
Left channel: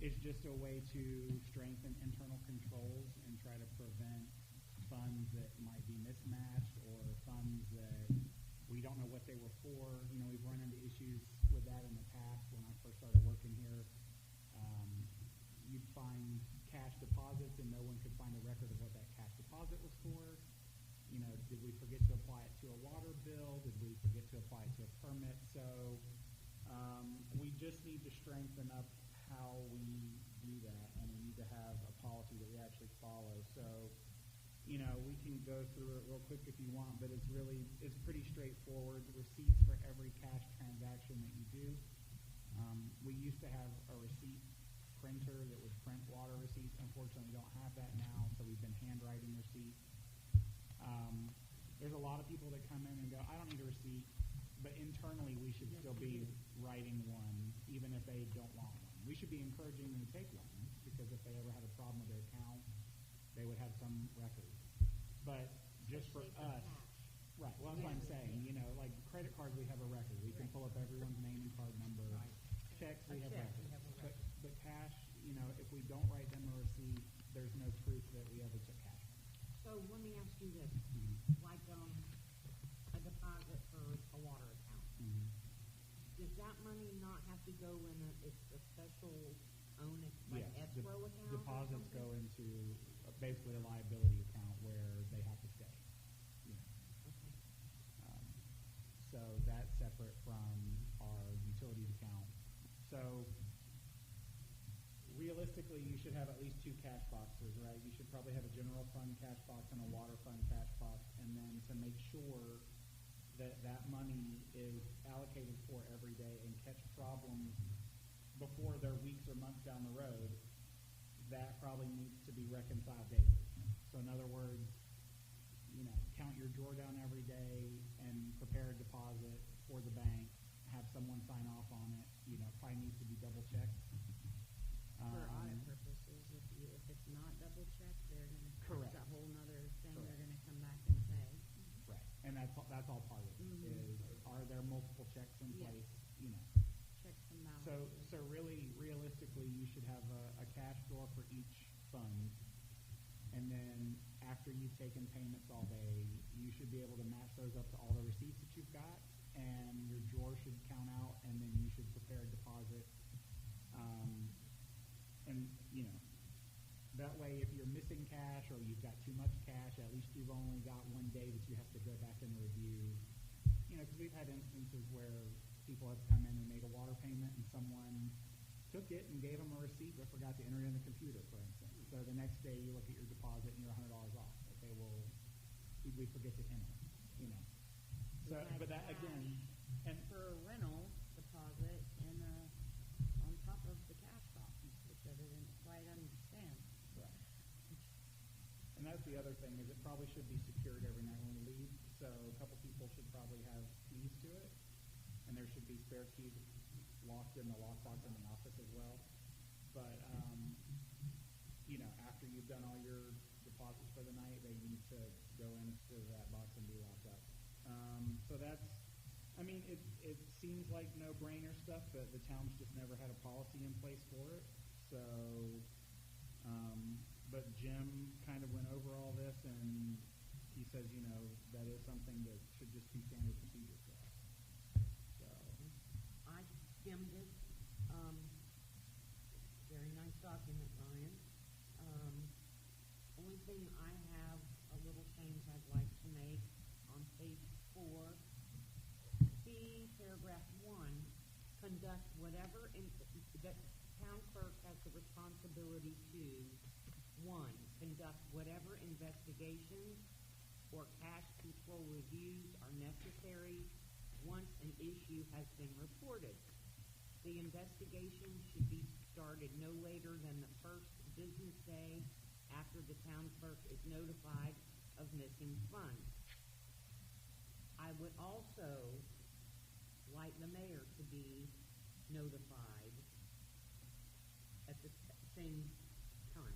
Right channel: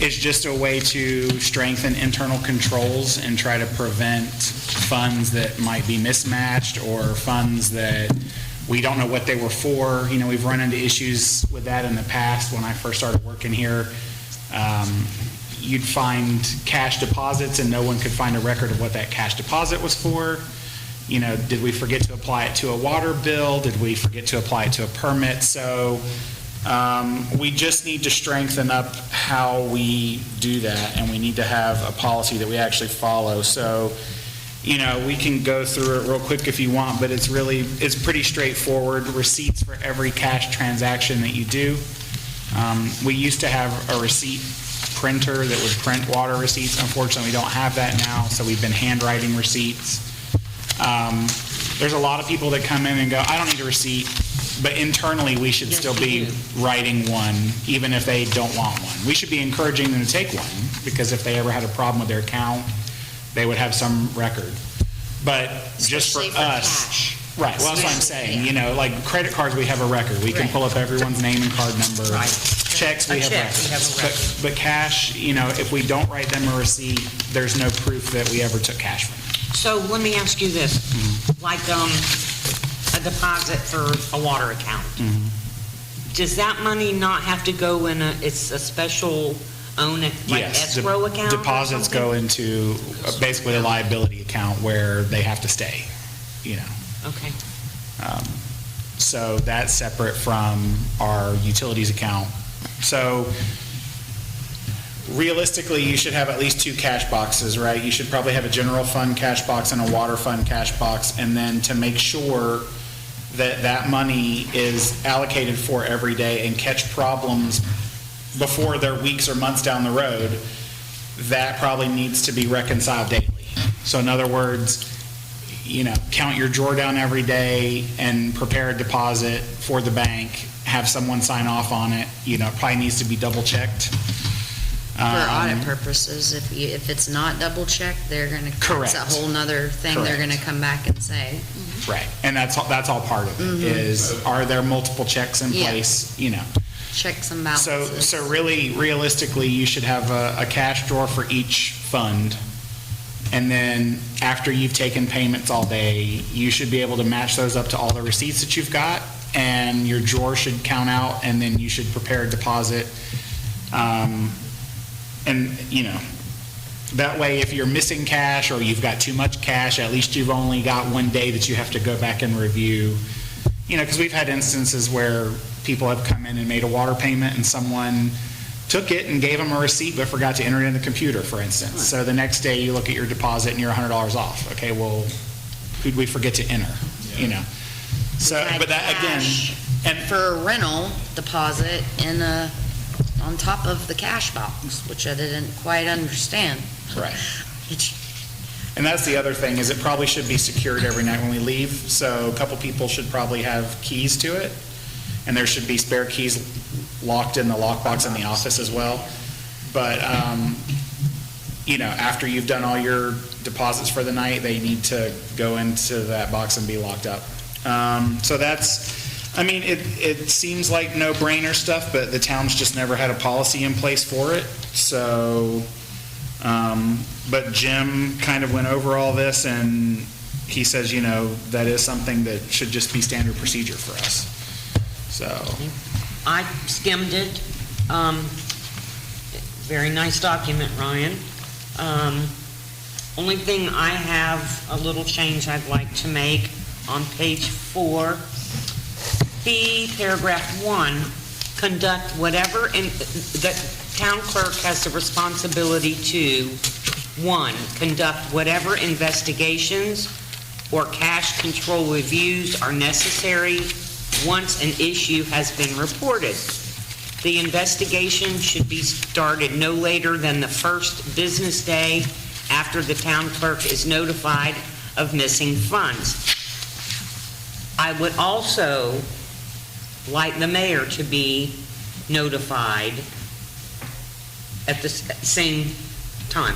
is just a way to strengthen internal controls and try to prevent funds that might be mismatched or funds that we don't know what they were for. We've run into issues with that in the past. When I first started working here, you'd find cash deposits and no one could find a record of what that cash deposit was for. Did we forget to apply it to a water bill? Did we forget to apply it to a permit? So we just need to strengthen up how we do that, and we need to have a policy that we actually follow. So we can go through it real quick if you want, but it's pretty straightforward. Receipts for every cash transaction that you do. We used to have a receipt printer that would print water receipts. Unfortunately, we don't have that now, so we've been handwriting receipts. There's a lot of people that come in and go, I don't need a receipt, but internally we should still be writing one, even if they don't want one. We should be encouraging them to take one, because if they ever had a problem with their account, they would have some record. But just for Especially for us, cash. right? Well, that's what I'm saying. Like credit cards, we have a record. We can pull up everyone's name and card number. Right. Checks, we have records. But cash, if we don't write them a receipt, there's no proof that we ever took cash from them. So let me ask you this, like a deposit for a water account. Does that money not have to go in it's a special Yes, escrow account? Deposits go into basically a liability account where they have to stay, Okay. So that's separate from our utilities account. So realistically, you should have at least two cash boxes, right? You should probably have a general fund cash box and a water fund cash box, and then to make sure that that money is allocated for every day and catch problems before they're weeks or months down the road, that probably needs to be reconciled daily. So in other words, count your drawer down every day and prepare a deposit for the bank, have someone sign off on it. It probably needs to be double checked. For audit purposes, if it's not double checked, they're gonna, Correct. it's a whole nother thing they're gonna come back and say. Right, and that's all part of it, is are there multiple checks in Yeah. place, Check some balances. So really, realistically, you should have a cash drawer for each fund, and then after you've taken payments all day, you should be able to match those up to all the receipts that you've got, and your drawer should count out, and then you should prepare a deposit. And, that way, if you're missing cash or you've got too much cash, at least you've only got one day that you have to go back and review. Because we've had instances where people have come in and made a water payment and someone took it and gave them a receipt but forgot to enter it in the computer, for instance. So the next day you look at your deposit and you're $100 off. Okay, well, who'd we forget to enter, you know? So, Had but that, again, cash and for a rental deposit on top of the cash box, which I didn't quite understand. right. It's- And that's the other thing, is it probably should be secured every night when we leave, so a couple people should probably have keys to it, and there should be spare keys locked in the lockbox in the office as well. But, you know, after you've done all your deposits for the night, they need to go into that box and be locked up. So that's, I mean, it seems like no-brainer stuff, but the town's just never had a policy in place for it, so, but Jim kind of went over all this, and he says, you know, that is something that should just be standard procedure for us, so. I skimmed it. Very nice document, Ryan. Only thing I have a little change I'd like to make on page 4, B, paragraph 1, conduct whatever, the town clerk has the responsibility to, 1, conduct whatever investigations or cash control reviews are necessary once an issue has been reported. The investigation should be started no later than the first business day after the town clerk is notified of missing funds. I would also like the mayor to be notified at the same time.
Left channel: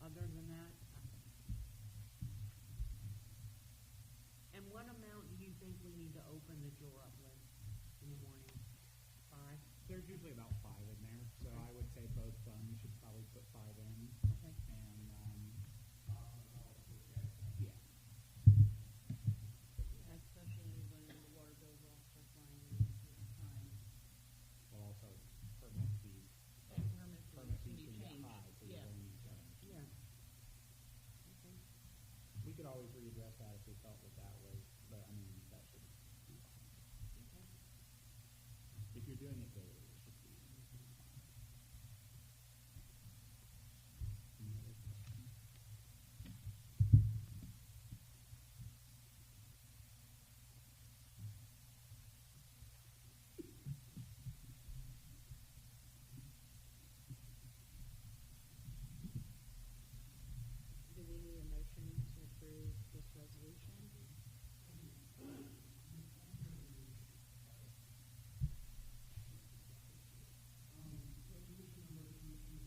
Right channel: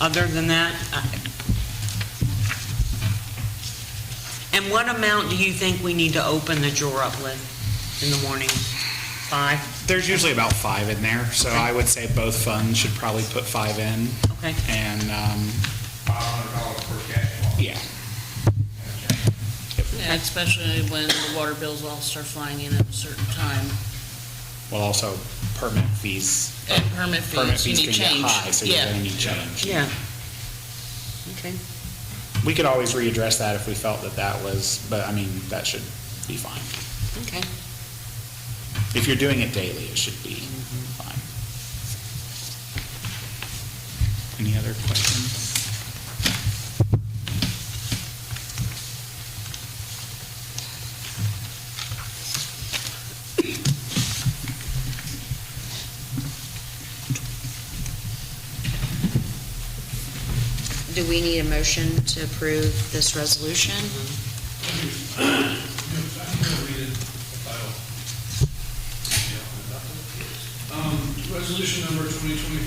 Other than that, and what amount do you think we need to open the drawer up with in the morning? 5? There's usually about 5 in there, so I would say both funds should probably put 5 in. Okay. And, $500 per cash box. yeah, Yeah, especially when the water bills all start flying in at a certain time. well, also permit fees. And permit Permit fees, you fees need can get change. high, so you're Yeah. gonna need change. Yeah. Okay. We could always readdress that if we felt that that was, but I mean, that should be fine. Okay. If you're doing it daily, it should be fine. Any other questions? Do we need a motion to approve this resolution? Resolution number 2025-20,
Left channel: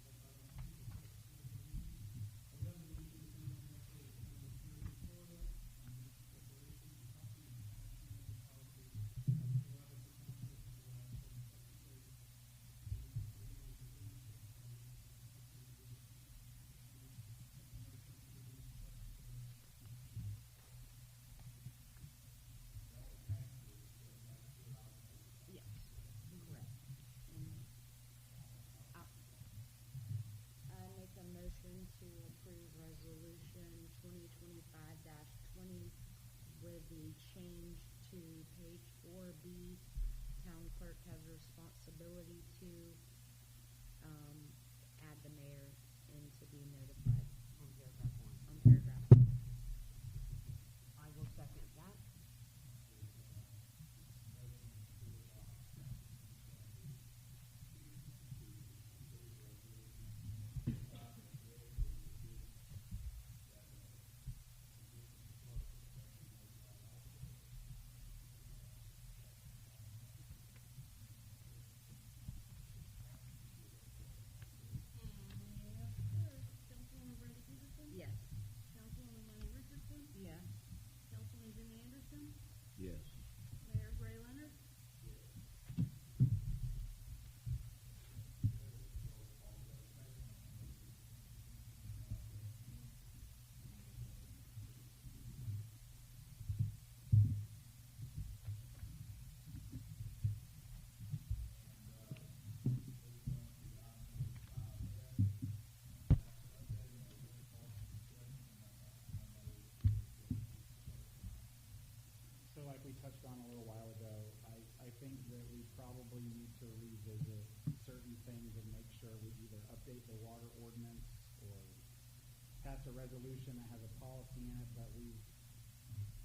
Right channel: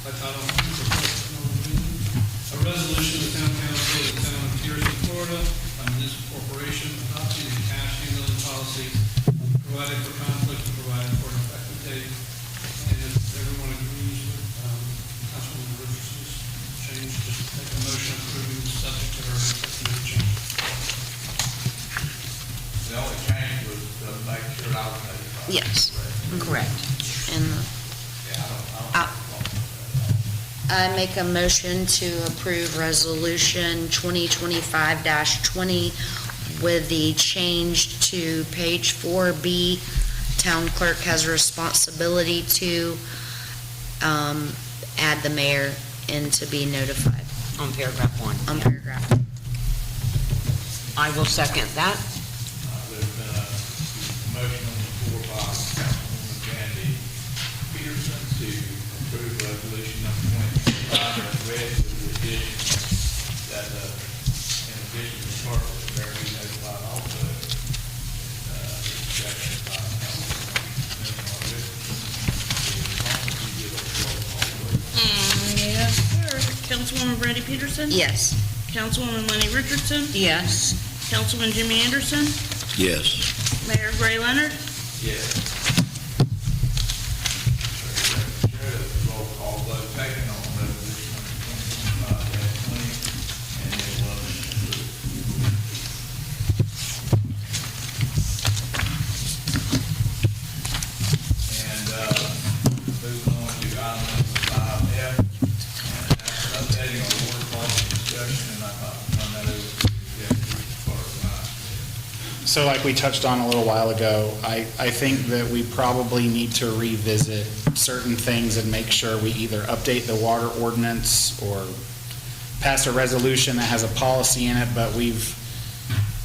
by title only, for first and only reading. A resolution of the town council of the town of Pierson, Florida, a municipal corporation adopting a cash handling policy, providing for conflict and providing for an effective date. And if everyone agrees with Councilwoman Richardson's change, just take a motion approving the subject to her recommended change. The only change was to make sure I was notified. Yes, Correct. and Yeah, I don't. I make a motion to approve resolution 2025-20 with the change to page 4B. Town clerk has a responsibility to add the mayor in to be notified On paragraph 1. on Yeah. paragraph. I I will second that. There's been a motion on the floor by Councilwoman Brandy Peterson to approve resolution number 2025 as read with the addition that, in addition to the clerk, the mayor be notified also. Seconded by Councilwoman Richardson. As long as you give a roll call vote. Yes, sir. Councilwoman Brandy Peterson? Yes. Councilwoman Lenny Richardson? Yes. Councilman Jimmy Anderson? Yes. Mayor Gray Leonard? Yes. Roll call vote taken on resolution number 2025-20, and it was approved. And, moving on to item number 5F, and that's updating our water quality discussion, and I'd like to turn that over to the executive clerk. So like we touched on a little while ago, I think that we probably need to revisit certain things and make sure we either update the water ordinance or pass a resolution that has a policy in it, but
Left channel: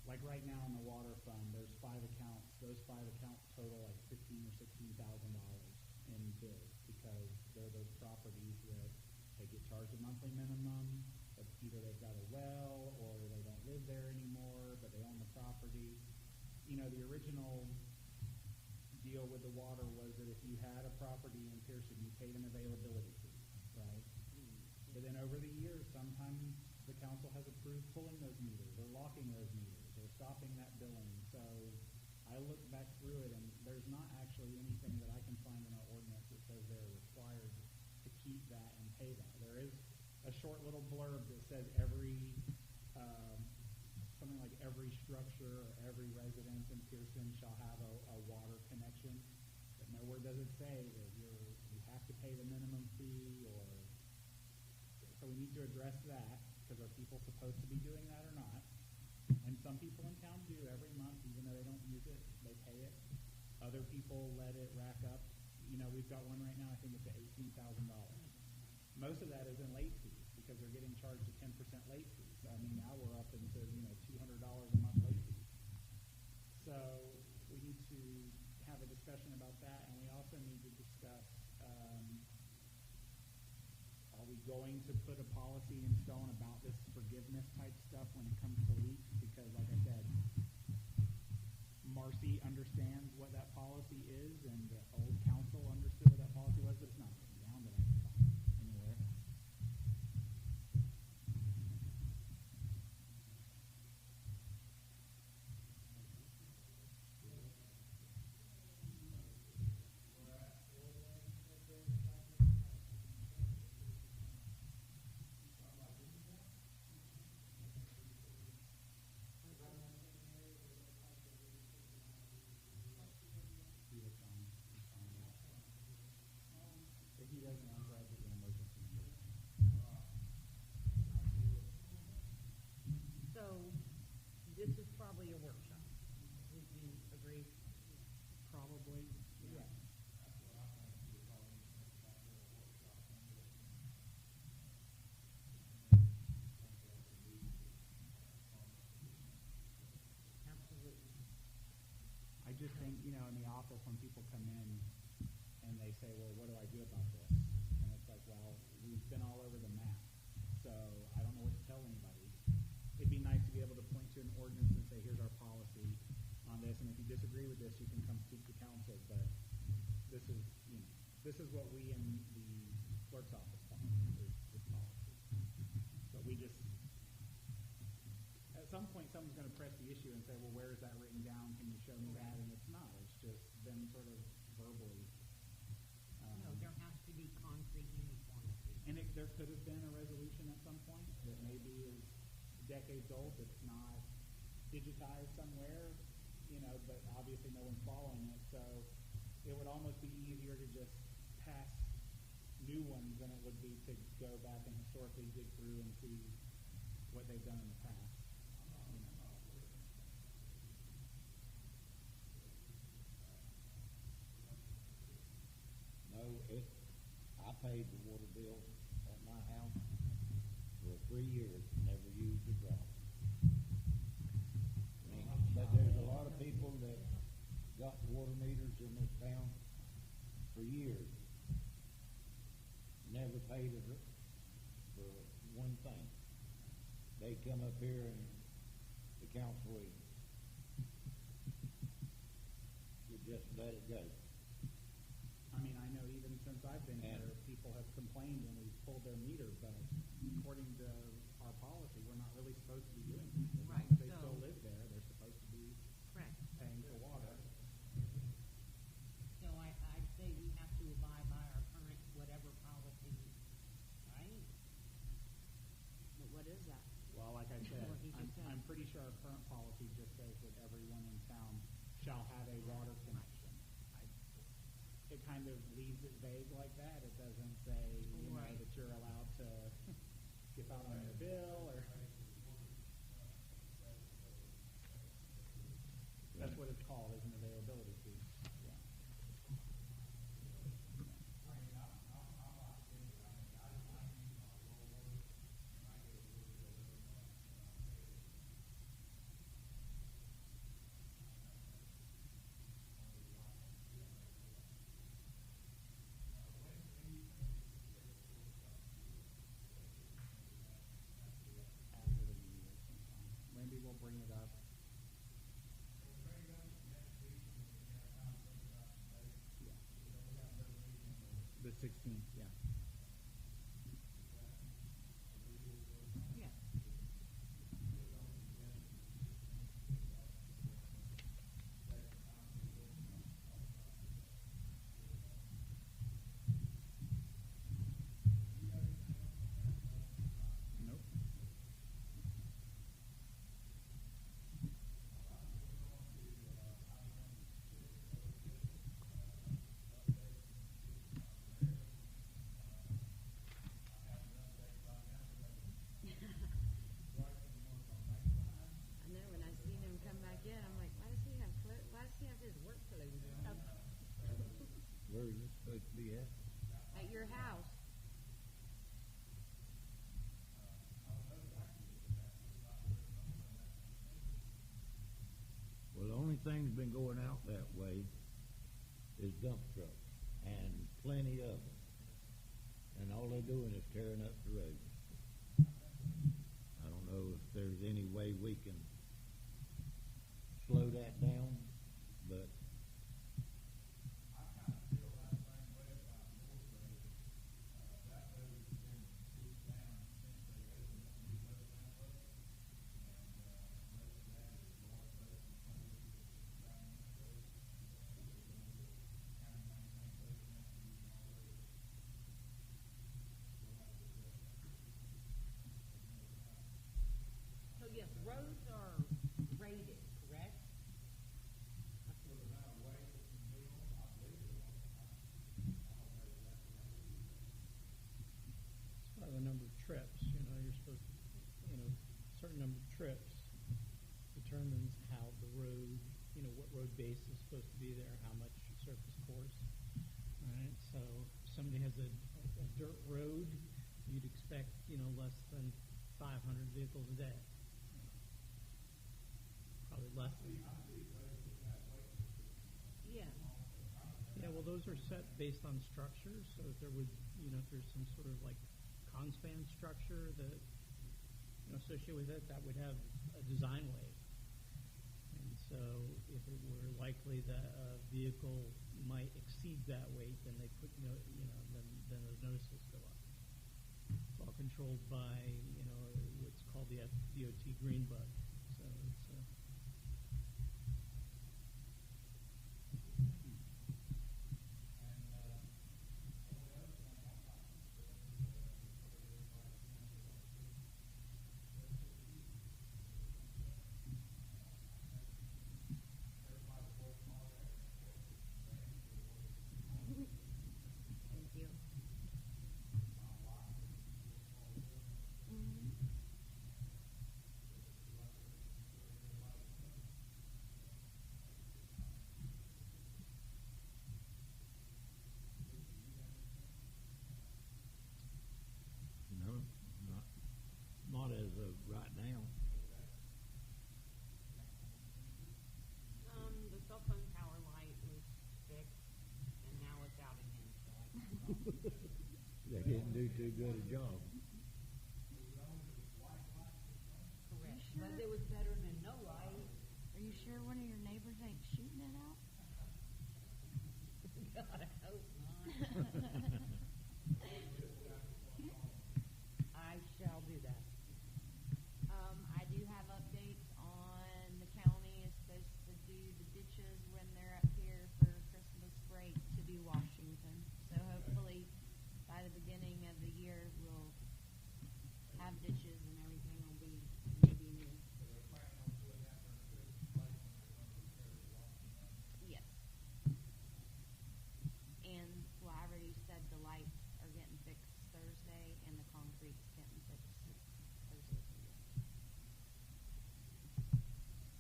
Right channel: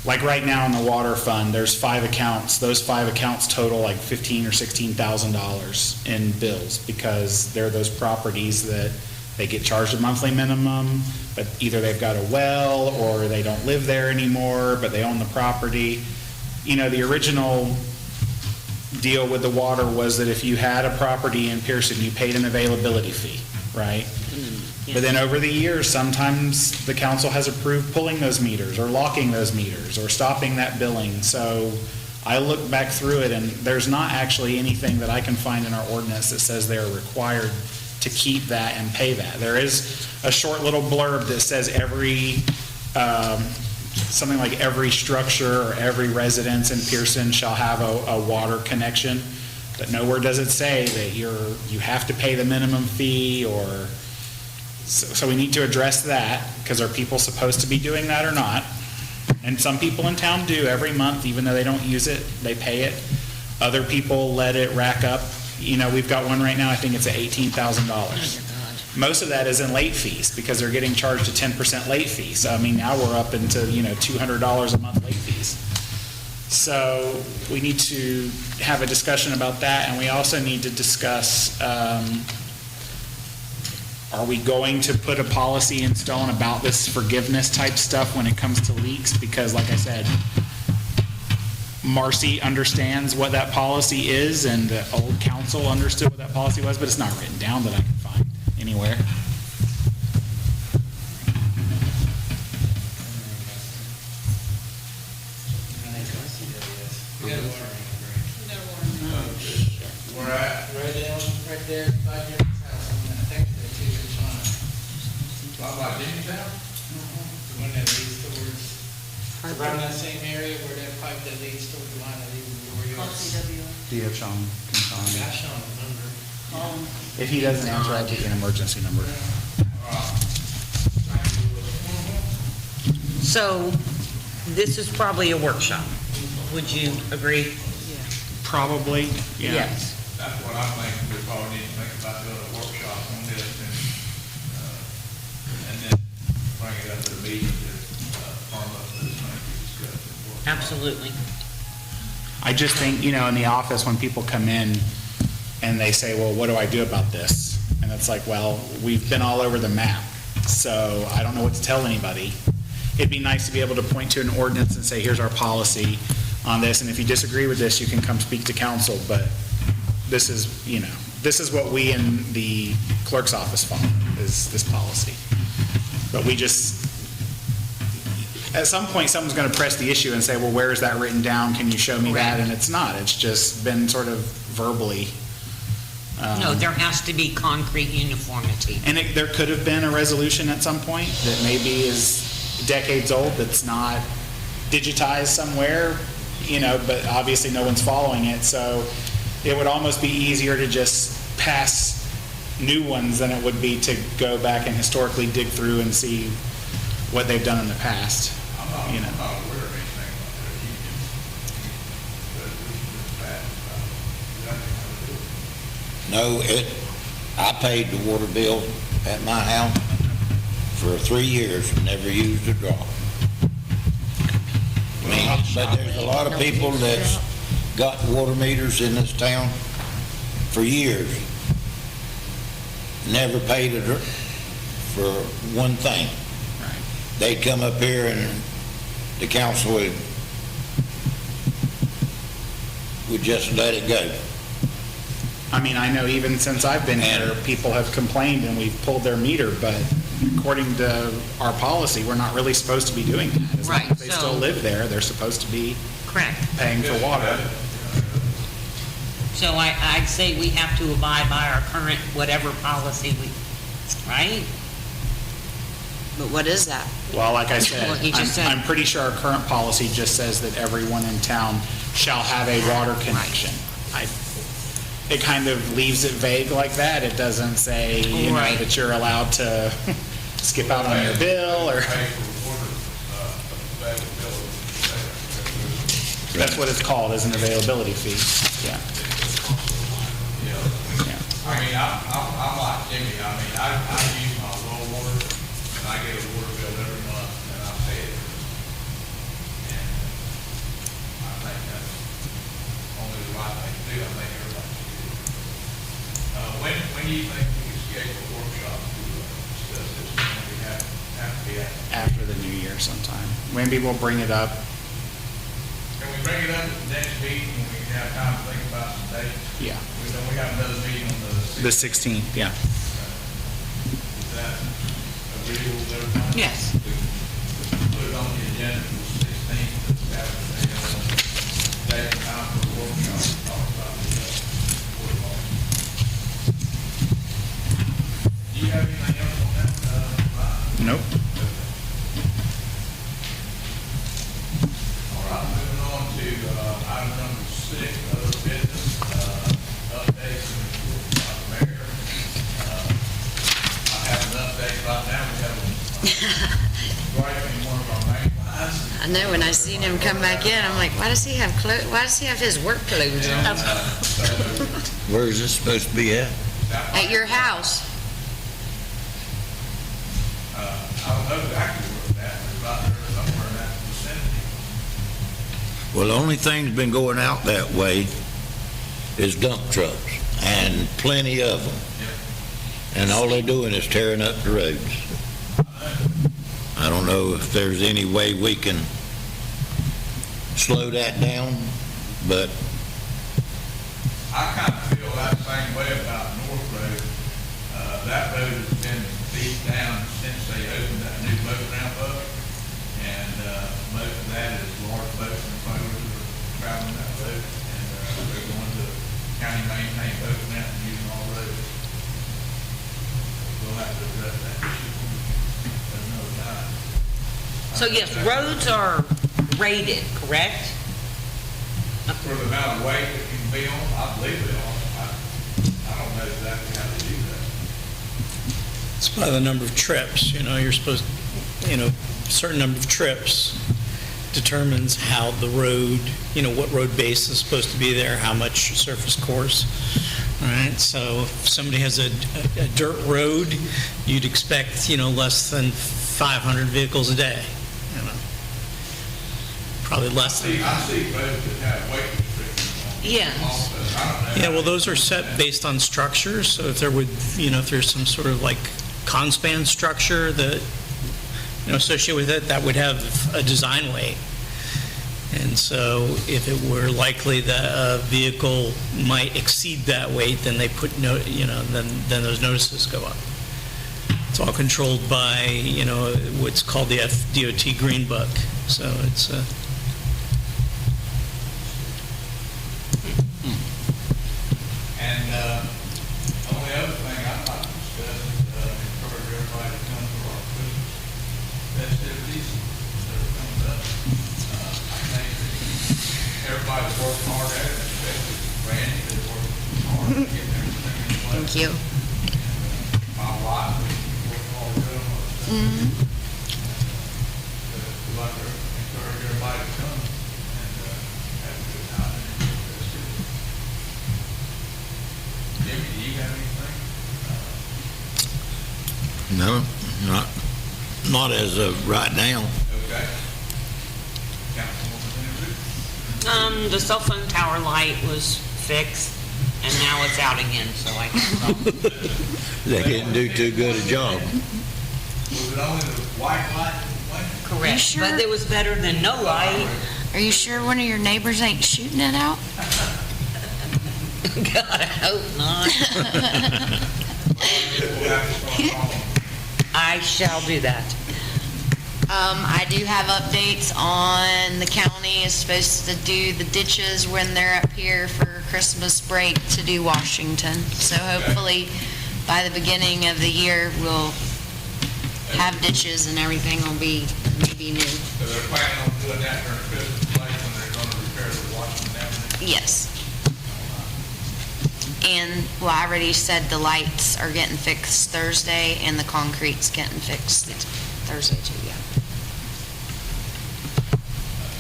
like right now in the water fund, there's 5 accounts. Those 5 accounts total like $15,000 or $16,000 in bills because they're those properties that they get charged a monthly minimum, but either they've got a well or they don't live there anymore, but they own the property. You know, the original deal with the water was that if you had a property in Pierson, you paid an availability fee, right? But then over the years, sometimes the council has approved pulling those meters or locking those meters or stopping that billing. So I look back through it and there's not actually anything that I can find in our ordinance that says they're required to keep that and pay that. There is a short little blurb that says something like every structure or every residence in Pierson shall have a water connection, but nowhere does it say that you have to pay the minimum fee or... So we need to address that, because are people supposed to be doing that or not? And some people in town do every month, even though they don't use it, they pay it. Other people let it rack up. You know, we've got one right now, I think it's at $18,000. Most of that is in late fees, because they're getting charged a 10% late fee. So, I mean, now we're up into, $200 a month late fees. So we need to have a discussion about that, and we also need to discuss, are we going to put a policy in stone about this forgiveness type stuff when it comes to leaks? Because like I said, Marcy understands what that policy is, and the old council understood what that policy was, but it's not written down that I can find anywhere. Where at? Right there, by Jimmy's house, I think they're 2 inch line. By Jimmy's house? The one that leads towards, around that same area where that pipe that leads towards the line that leads to your Call yards. CWO. Gosh, on the number. Call them. If he doesn't answer, I'll take an emergency number. So this is probably a workshop. Would you agree? Probably, yeah. Yes. That's what I think we probably need to think about doing a workshop on this and then bring it up at a meeting to firm up this thing we discussed. Absolutely. I just think, in the office, when people come in and they say, well, what do I do about this? And it's like, well, we've been all over the map, so I don't know what to tell anybody. It'd be nice to be able to point to an ordinance and say, here's our policy on this, and if you disagree with this, you can come speak to council, but this is, this is what we in the clerk's office follow, is this policy. But we just, at some point, someone's going to press the issue and say, well, where is that written down? Can you show me that? And it's not. It's just been sort of verbally. No, there has to be concrete uniformity. And there could have been a resolution at some point that maybe is decades old that's not digitized somewhere, but obviously no one's following it. So it would almost be easier to just pass new ones than it would be to go back and historically dig through and see what they've done in the past. I'm not aware of anything like that. No, I paid the water bill at my house for 3 years, and never used a drop. But there's a lot of people that's got water meters in this town for years, never paid for one thing. They'd come up here and the council would just let it go. I mean, I know even since I've been here, people have complained and we've pulled their meter, but according to our policy, we're not really supposed to be doing that. As long as they still live there, they're supposed to be paying for water. So I'd say we have to abide by our current whatever policy right? But what is that? Well, like I said, Well, he just said- I'm pretty sure our current policy just says that everyone in town shall have a water connection. It kind of leaves it vague like that. It doesn't say, that you're allowed to skip out on your bill or... That's what it's called, is an availability fee, yeah. I mean, I'm like Jimmy, I mean, I use my well water, and I get a water bill every month, and I pay it. And I think that's only the right thing to do, I think everybody should do it. When do you think we can schedule a workshop to discuss this? When we have to be at? After the new year sometime. Maybe we'll bring it up. Can we bring it up at the next meeting, when we can have time to think about some dates? Yeah. We have another meeting on The 16th, yeah. Is that agreeable with everybody? Yes. Put it on the agenda for the 16th, to have a day and time for a workshop, to talk about the water law. Do you have anything else on that, Ryan? Nope. All right, moving on to item number 6, other business, updates and reports by the mayor. I have an update right now. We have a break in one of our main lines. I know, when I seen him come back in, I'm like, why does he have his work clothes on? Where is this supposed to be at? At your house? I don't know exactly where it's at, but it's right there somewhere in that vicinity. Well, the only thing's been going out that way is dump trucks, and plenty of them. And all they're doing is tearing up the roads. I don't know if there's any way we can slow that down, but I kind of feel that same way about North Road. That road has been beat down since they opened that new boat ramp up. And most of that is large boats and trailers that are traveling that road. And they're going to county maintained boat ramp and using all roads. We'll have to address that issue at another time. So yes, roads are rated, correct? For the amount of weight that can be on, I believe they are. I don't know exactly how they do that. It's by the number of trips, you're supposed, certain number of trips determines how the road, what road base is supposed to be there, how much surface course. All right, so if somebody has a dirt road, you'd expect, less than 500 vehicles a day, Probably less than. I see roads that have weight restrictions on them. Yeah. Also, I don't know. Yeah, well, those are set based on structures, so if there would, if there's some sort of like conspan structure that, associated with it, that would have a design weight. And so if it were likely that a vehicle might exceed that weight, then they put, then those notices go up. It's all controlled by, what's called the FDOT Green Book. So it's And the only other thing I'd like to discuss is encourage everybody to come to our Christmas festivities that are coming up. I think that everybody's working hard at it, especially Randy, that's working hard to get everything in place. Thank you. My wife is working hard to do it. We'd like to encourage everybody to come and have a good time and enjoy the festivities. Jimmy, do you have anything? no, not as of right now. Okay. Councilwoman Henry? The cell phone tower light was fixed, and now it's out again, so I can They didn't do too good a job. Was it only the white light that went? correct. sure? But it was better than no light. Are you sure one of your neighbors ain't shooting it out? God, I hope not. We'll have to start calling. I shall do that. I do have updates on the county is supposed to do the ditches when they're up here for Christmas break to do Washington. So hopefully by the beginning of the year, we'll have ditches and everything will be maybe new. So they're planning on doing that during Christmas break when they're going to repair the Washington Avenue? Yes. And, well, I already said the lights are getting fixed Thursday and the concrete's getting fixed Thursday too, yeah.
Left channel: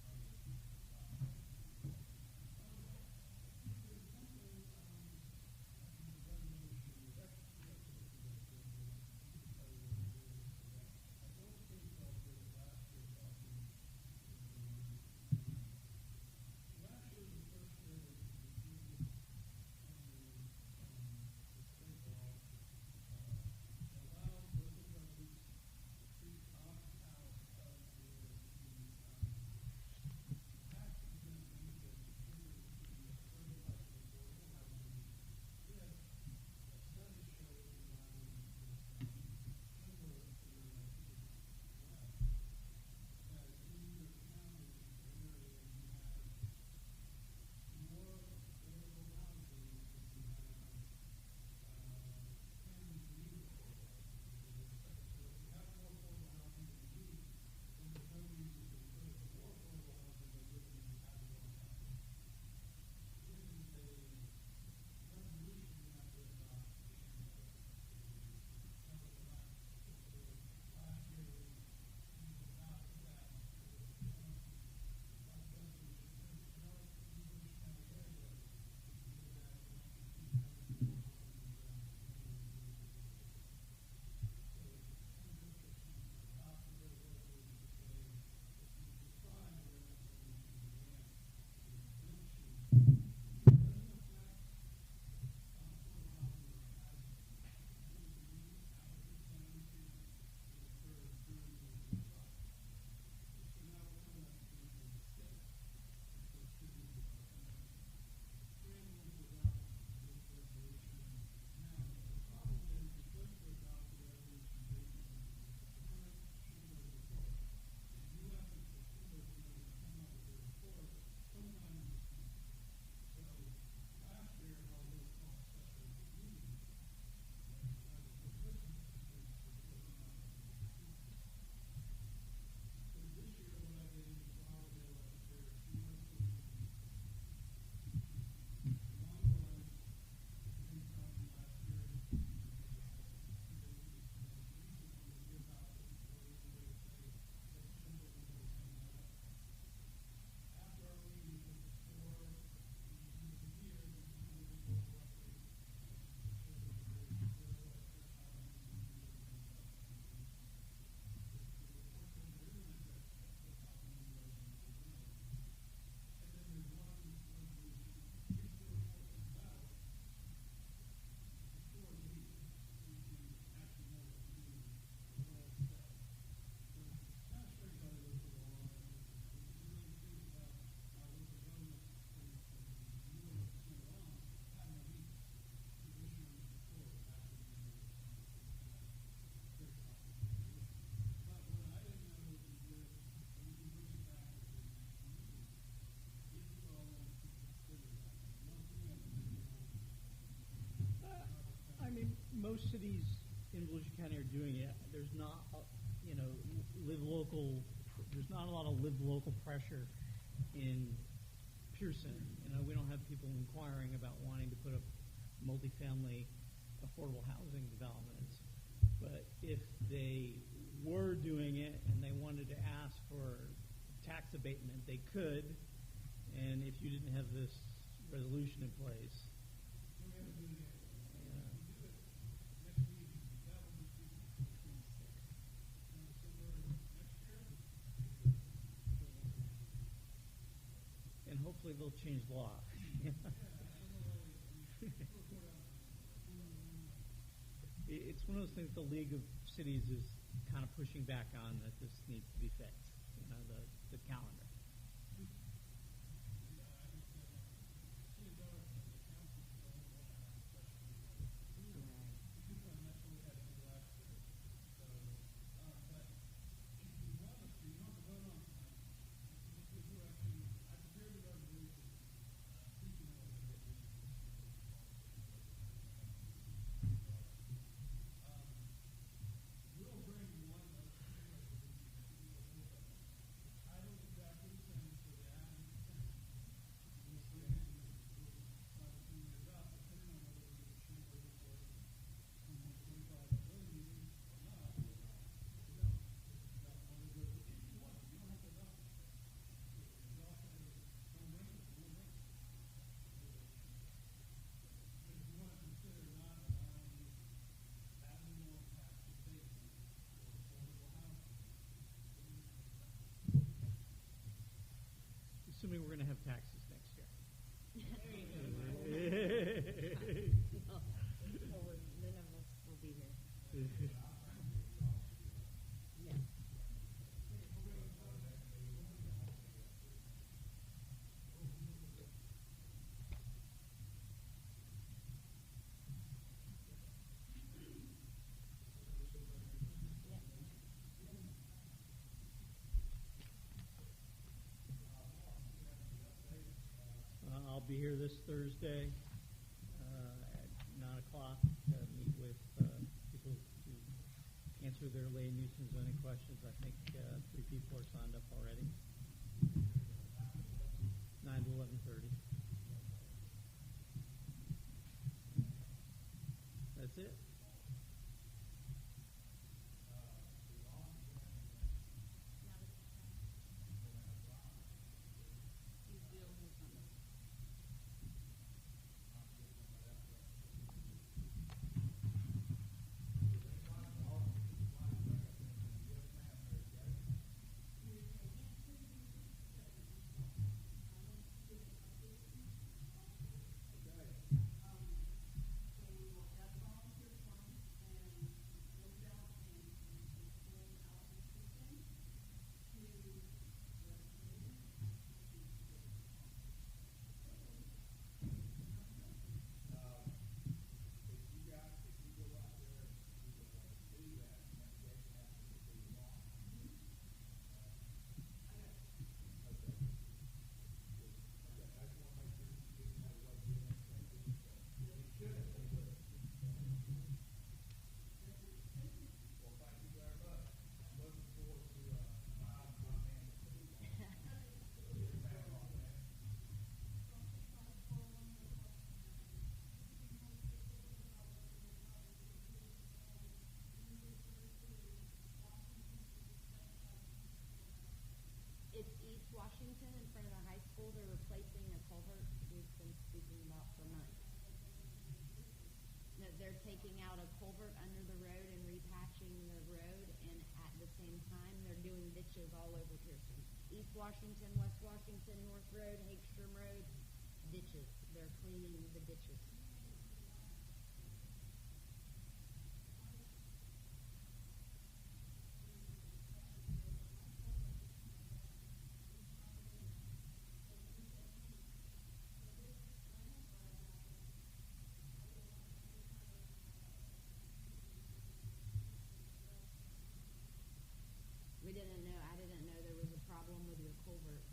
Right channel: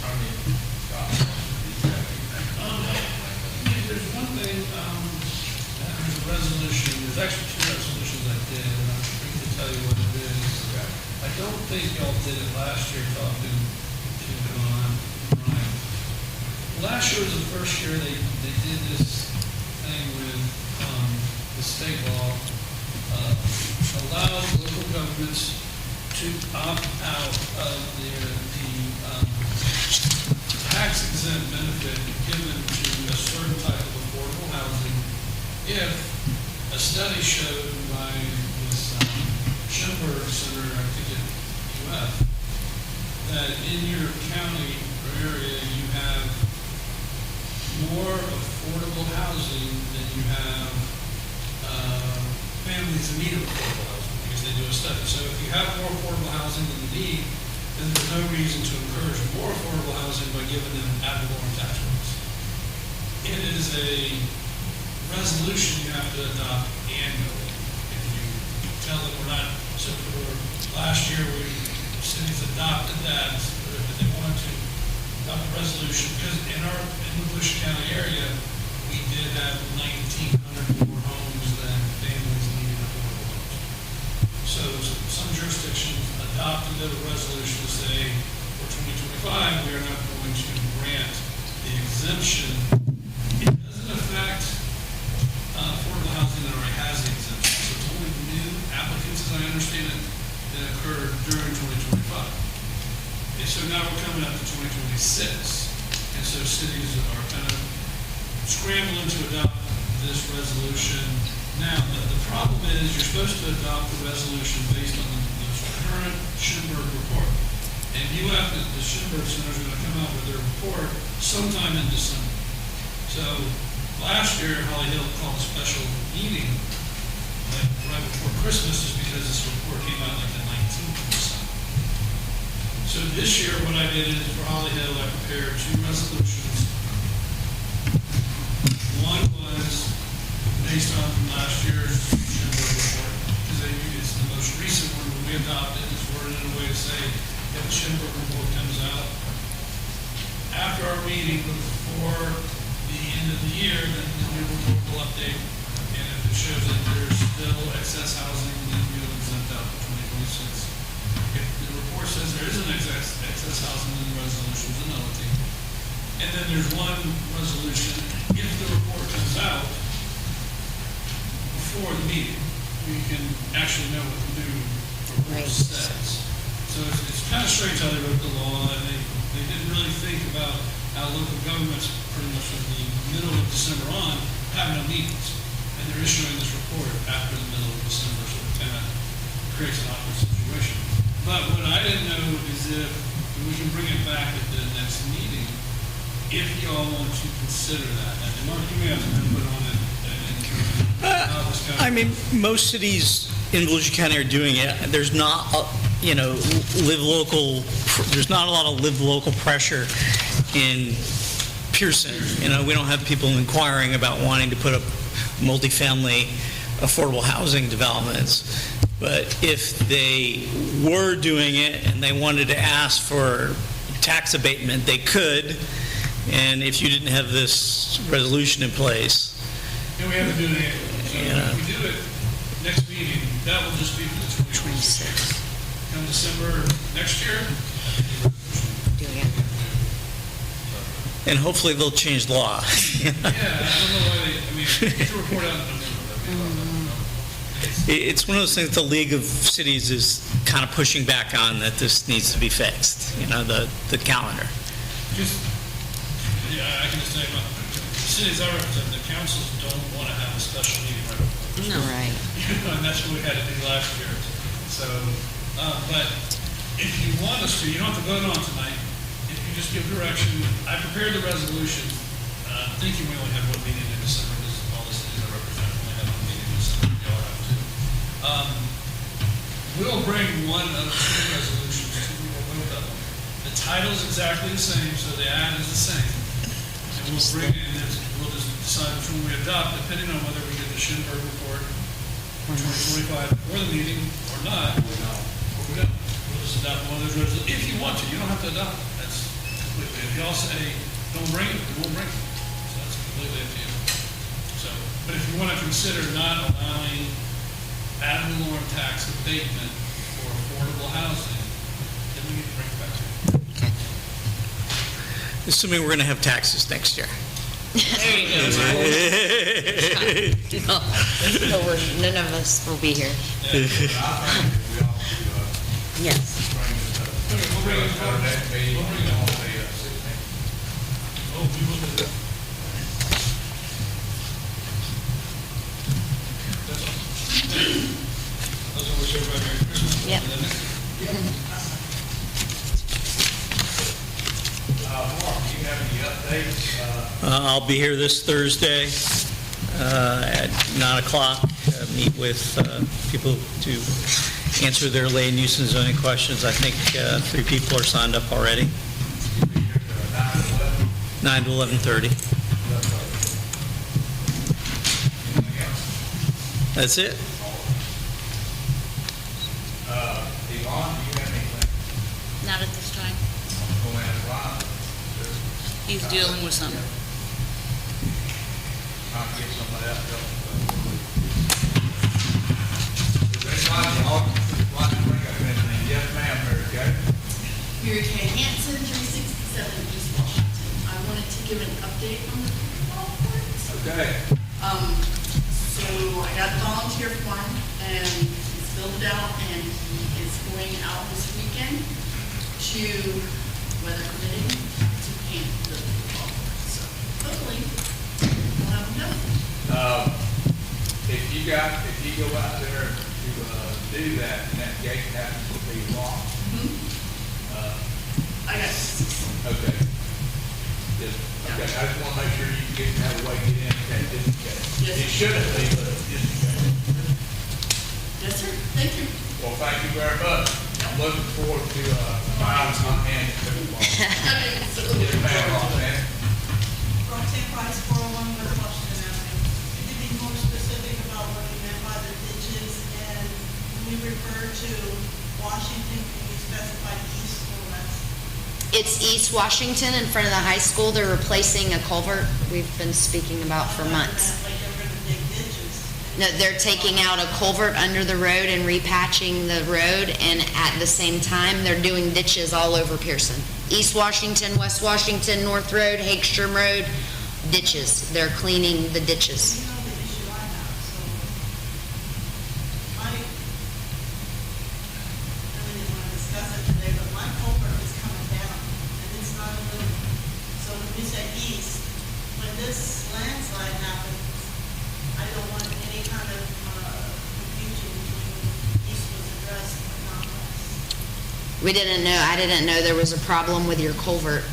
Attorney Scott, do you did it last year, talking to Brian. Last year was the first year they did this thing with, the state law, allowed local governments to opt out of the tax exempt benefit given to a certain type of affordable housing if a study showed by this Schoenberg Center, I think at UF, that in your county or area you have more affordable housing than you have families in need of affordable housing, because they do a study. So if you have more affordable housing than you need, then there's no reason to encourage more affordable housing by giving them ad valorem tax breaks. It is a resolution you have to adopt annually. If you tell them we're not, so for last year, cities adopted that, if they wanted to adopt a resolution, because in the Bush County area, we did have 1,900 more homes than families needed affordable homes. So some jurisdictions adopted a resolution to say, for 2025, we are not going to grant the exemption. It doesn't affect affordable housing that already has the exemption. So it's only new applicants, as I understand it, that occurred during 2025. And so now we're coming up to 2026. And so cities are kind of scrambling to adopt this resolution. Now, the problem is you're supposed to adopt the resolution based on the current Schoenberg report. And the Schoenberg Center is going to come out with their report sometime in December. So last year, Holly Hill called a special meeting like right before Christmas, just because this report came out like the 19th of December. So this year, what I did is for Holly Hill, I prepared 2 resolutions. One was based on last year's Schoenberg report, because it's the most recent one that we adopted. It's worded in a way to say, if the Schoenberg report comes out after our meeting before the end of the year, then the new report will update. And if it shows that there's still excess housing, then we'll exempt out for 2026. If the report says there isn't excess housing, then the resolution is a nullity. And then there's one resolution, if the report comes out before the meeting, we can actually know what the new report says. So it's kind of strange how they wrote the law, and they didn't really think about how local governments, pretty much from the middle of December on, have no meetings. And they're issuing this report after the middle of December, so it kind of creates an awkward situation. But what I didn't know is if we can bring it back at the next meeting, if y'all want to consider that. And Mark, you may have to put on it. I mean, most cities in Volusia County are doing it. There's not, there's not a lot of live local pressure in Pierson. We don't have people inquiring about wanting to put up multifamily affordable housing developments. But if they were doing it and they wanted to ask for tax abatement, they could. And if you didn't have this resolution in place. And we have to do it annually. So if we do it next meeting, that will just be for the 2026. Come December next year. And hopefully they'll change the law. Yeah, I don't know why get the report out in November. It's one of those things the League of Cities is kind of pushing back on, that this needs to be fixed, the calendar. I can just say about the cities I represent, the councils don't want to have a special meeting right before. No, right. And that's what we had to do last year. So, but if you want us to, you don't have to vote on tonight. If you just give direction, I prepared the resolution, thinking we only have one meeting in December, because all the cities I represent only have one meeting in December. Y'all have two. We'll bring one of the 2 resolutions to both of them. The title's exactly the same, so the ad is the same. And we'll bring it, and we'll just decide which one we adopt, depending on whether we get the Schoenberg report for 2025 before the meeting or not. Or we don't. We'll just adopt one of those resolutions. If you want to, you don't have to adopt it. That's completely. If y'all say don't bring it, we won't bring it. So that's completely up to you. So, but if you want to consider not allowing ad valorem tax abatement for affordable housing, then assuming we're going to have taxes next year. There you go. No, none of us will be here. Yes. Yep. Mark, do you have any updates? I'll be here this Thursday at 9 o'clock. Meet with people to answer their land use and zoning questions. I think 3 people are signed up already. 9 to 11:30. That's it. Yvonne, do you have anything? Not at this time. He's dealing with something. Trying to get somebody else to help. Is anybody in the audience who'd like to bring up anything? Yes, ma'am, Mary Kay. Mary Kay Hanson, 367 East Washington. I wanted to give an update on the pickleball courts. Okay. So I got a volunteer form and he's filled it out and he is going out this weekend to, weather permitting, to paint the pickleball courts. So hopefully we'll have enough. If you go out there to do that, and that gate happens to be locked, I got okay. Okay, I just want to make sure you get, have a way to get in, okay, just in case. Yes. It shouldn't be, but just in case. Yes, sir. Thank you. Well, thank you very much. I'm looking forward to, finding my hand in pickleball. Yes, ma'am, Roxanne. Roxanne Price, 401 West Washington Avenue. Could you be more specific about what you meant by the ditches? And when we refer to Washington, can you specify east or west? It's East Washington in front of the high school. They're replacing a culvert we've been speaking about for months. Like they're going to dig ditches. No, they're taking out a culvert under the road and repatching the road, and at the same time, they're doing ditches all over Pierson. East Washington, West Washington, North Road, Hagstrom Road, ditches. They're cleaning the ditches. You know the issue I have, so I really didn't want to discuss it today, but my culvert is coming down, and it's not a little. So when you say east, when this landslide happens, I don't want any kind of confusion between east was addressed but not west. We didn't know, I didn't know there was a problem with your culvert.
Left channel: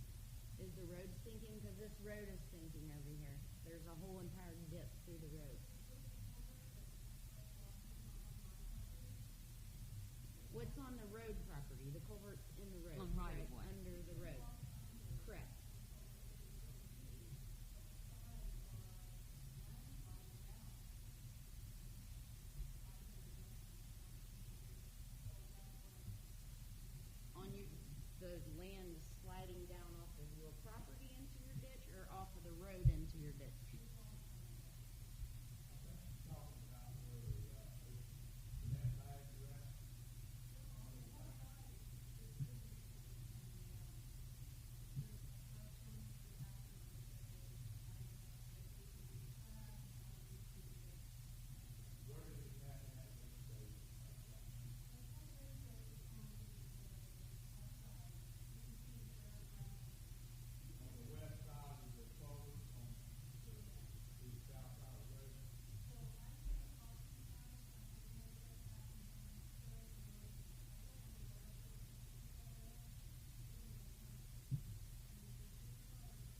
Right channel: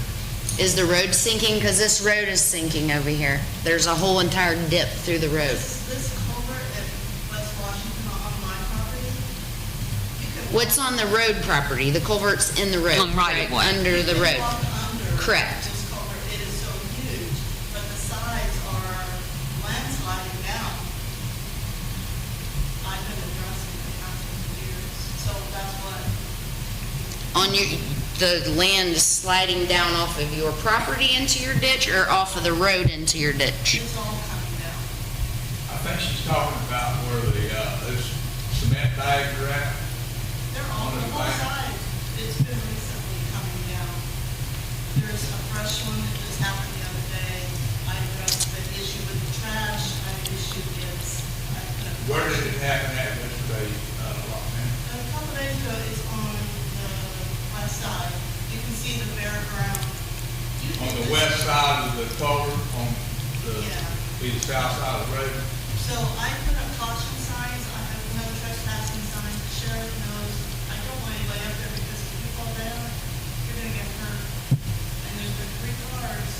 Is the road sinking? Because this road is sinking over here. There's a whole entire dip through the road. This culvert at West Washington on my property, you could. What's on the road property? The culvert's in the road. On right of way. Under the road. Walk under Correct. this culvert, it is so huge, but the sides are landsliding down. I've been addressing the council for years, so that's what, On your, the land is sliding down off of your property into your ditch or off of the road into your ditch? it's all coming down. I think she's talking about where the, those cement bags are at. They're all, On the the whole back. side, it's been recently coming down. There's a fresh one that just happened the other day. I addressed the issue with the trash, I issued its, Where did it happen at yesterday, Roxanne? a couple days ago, it's on the west side. You can see the bare ground. You On did the this- west side of the culvert, on the, Yeah. be the south side of the road? So I put up caution signs, I have no trespassing signs, the sheriff knows, I don't want anybody up there because if you fall down, you're gonna get hurt. And there's been 3 cars,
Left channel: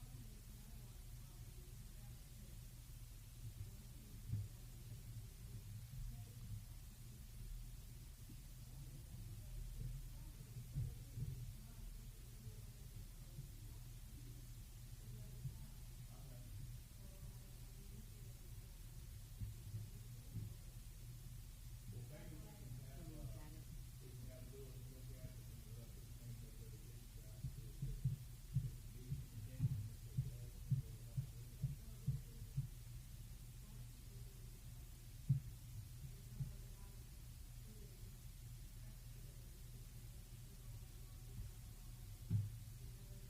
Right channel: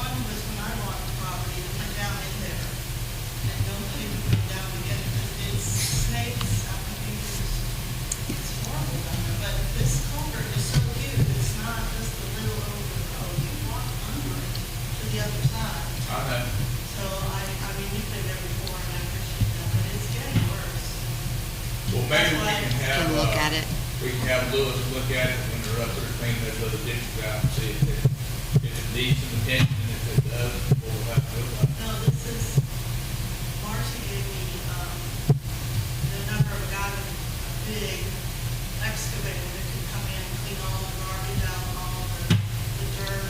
one was when I bought the property, that went down in there. And nobody would go down again because it's snakes, I mean, it's horrible down there. But this culvert is so huge, it's not just a little over the road, you walk under it to the other side. I know. So I mean, you've been there before and I appreciate that, but it's getting worse. Well, maybe we can have, Can look at it. we can have Lewis look at it when they're up there cleaning those little ditches out and see if it needs some attention, and if it does, we'll have to do it. No, this is, Marcy gave me, the number of guys with a big excavator that can come in and clean all the garbage out, all the dirt,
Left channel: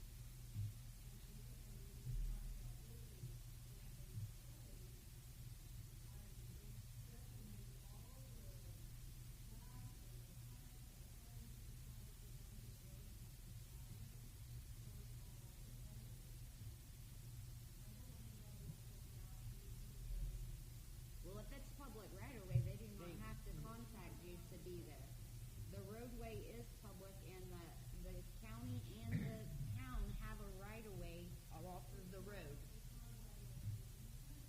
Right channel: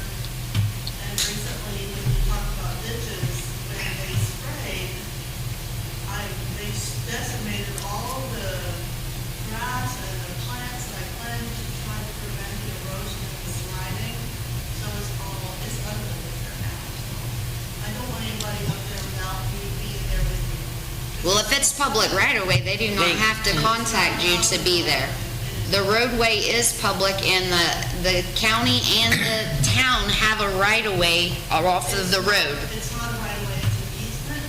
it's public right away, they do not have to contact you to be there. The roadway is public, and the county and the town have a right of way off of the road. It's not a right of way, it's an easement,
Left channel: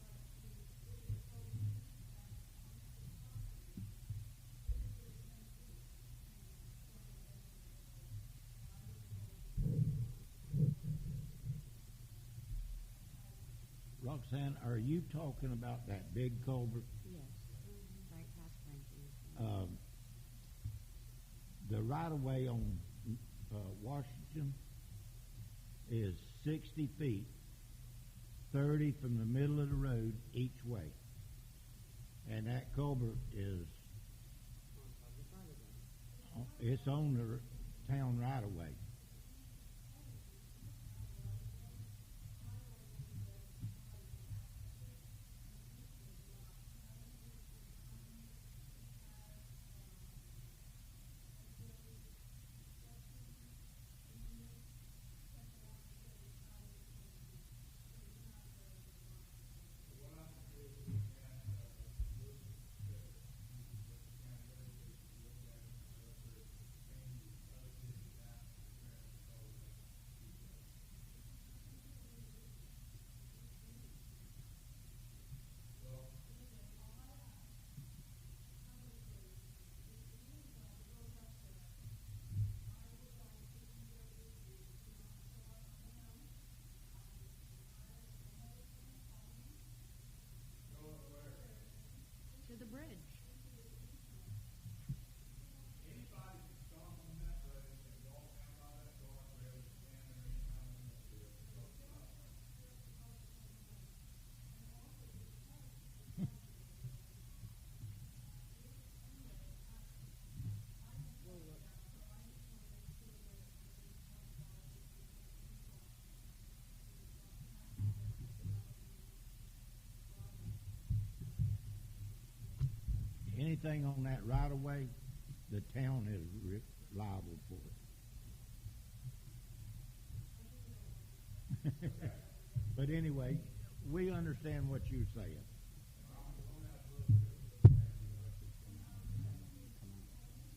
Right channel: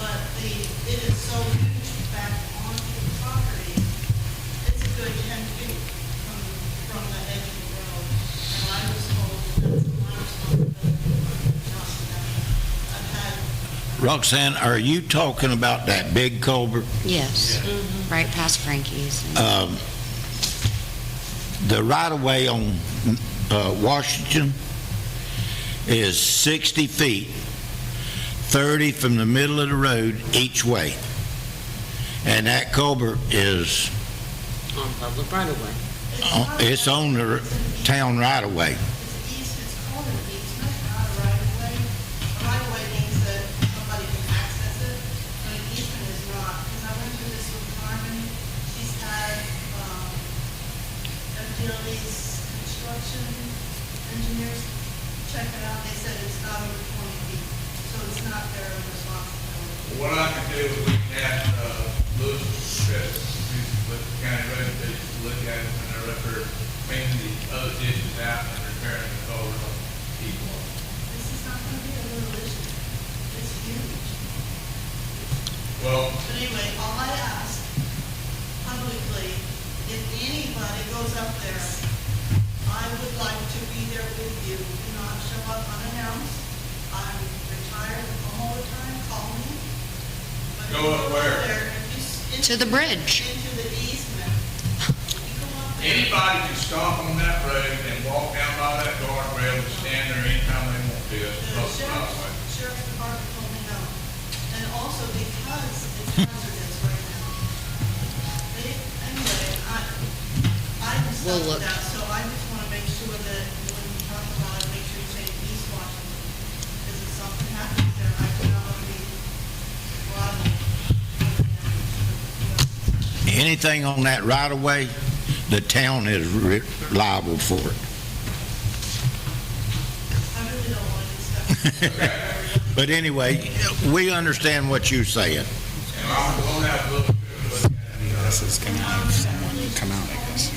but it is so huge back onto the property, it's a good 10 feet from the edge of the road. And I was told that's my responsibility, not them. I've had Roxanne, are you talking about that big culvert? Yes, right past Frankie's. The right-of-way on Washington is 60 feet, 30 from the middle of the road each way. And that culvert is, On public right of way. it's on the town right-of-way. It's called an easement, not a right of way. A right of way means that somebody can access it, but an easement is not. Because I went through this with Carmen, she's had, FDLE's construction engineers check it out, they said it's not over 20 feet, so it's not their responsibility. What I can do is we can have, Louis, Chris, with the county road, they look at it when they're up there cleaning the other ditches out and repairing the culvert on people. This is not gonna be a little issue, it's huge. Well, But anyway, all I ask publicly, if anybody goes up there, I would like to be there with you. Do not show up unannounced. I'm retired, I'm home all the time, call me. But if Go you up where? there, if you To the bridge. Into the easement. If you go up there. anybody can stop on that road and walk down by that guardrail and stand there anytime they want to. That's The the right. sheriff's department told me no. And also because it's hazardous right now. Anyway, I'm We'll stuck look. with that, so I just want to make sure that when you talk about it, make sure you say East Washington. Because if something happens there, I do not want to be liable. Anything on that right-of-way, the town is liable for it. I really don't want to discuss it. But anyway, we understand what you're saying. And we'll have a little bit of a look at it. This is going to have someone come out, I guess.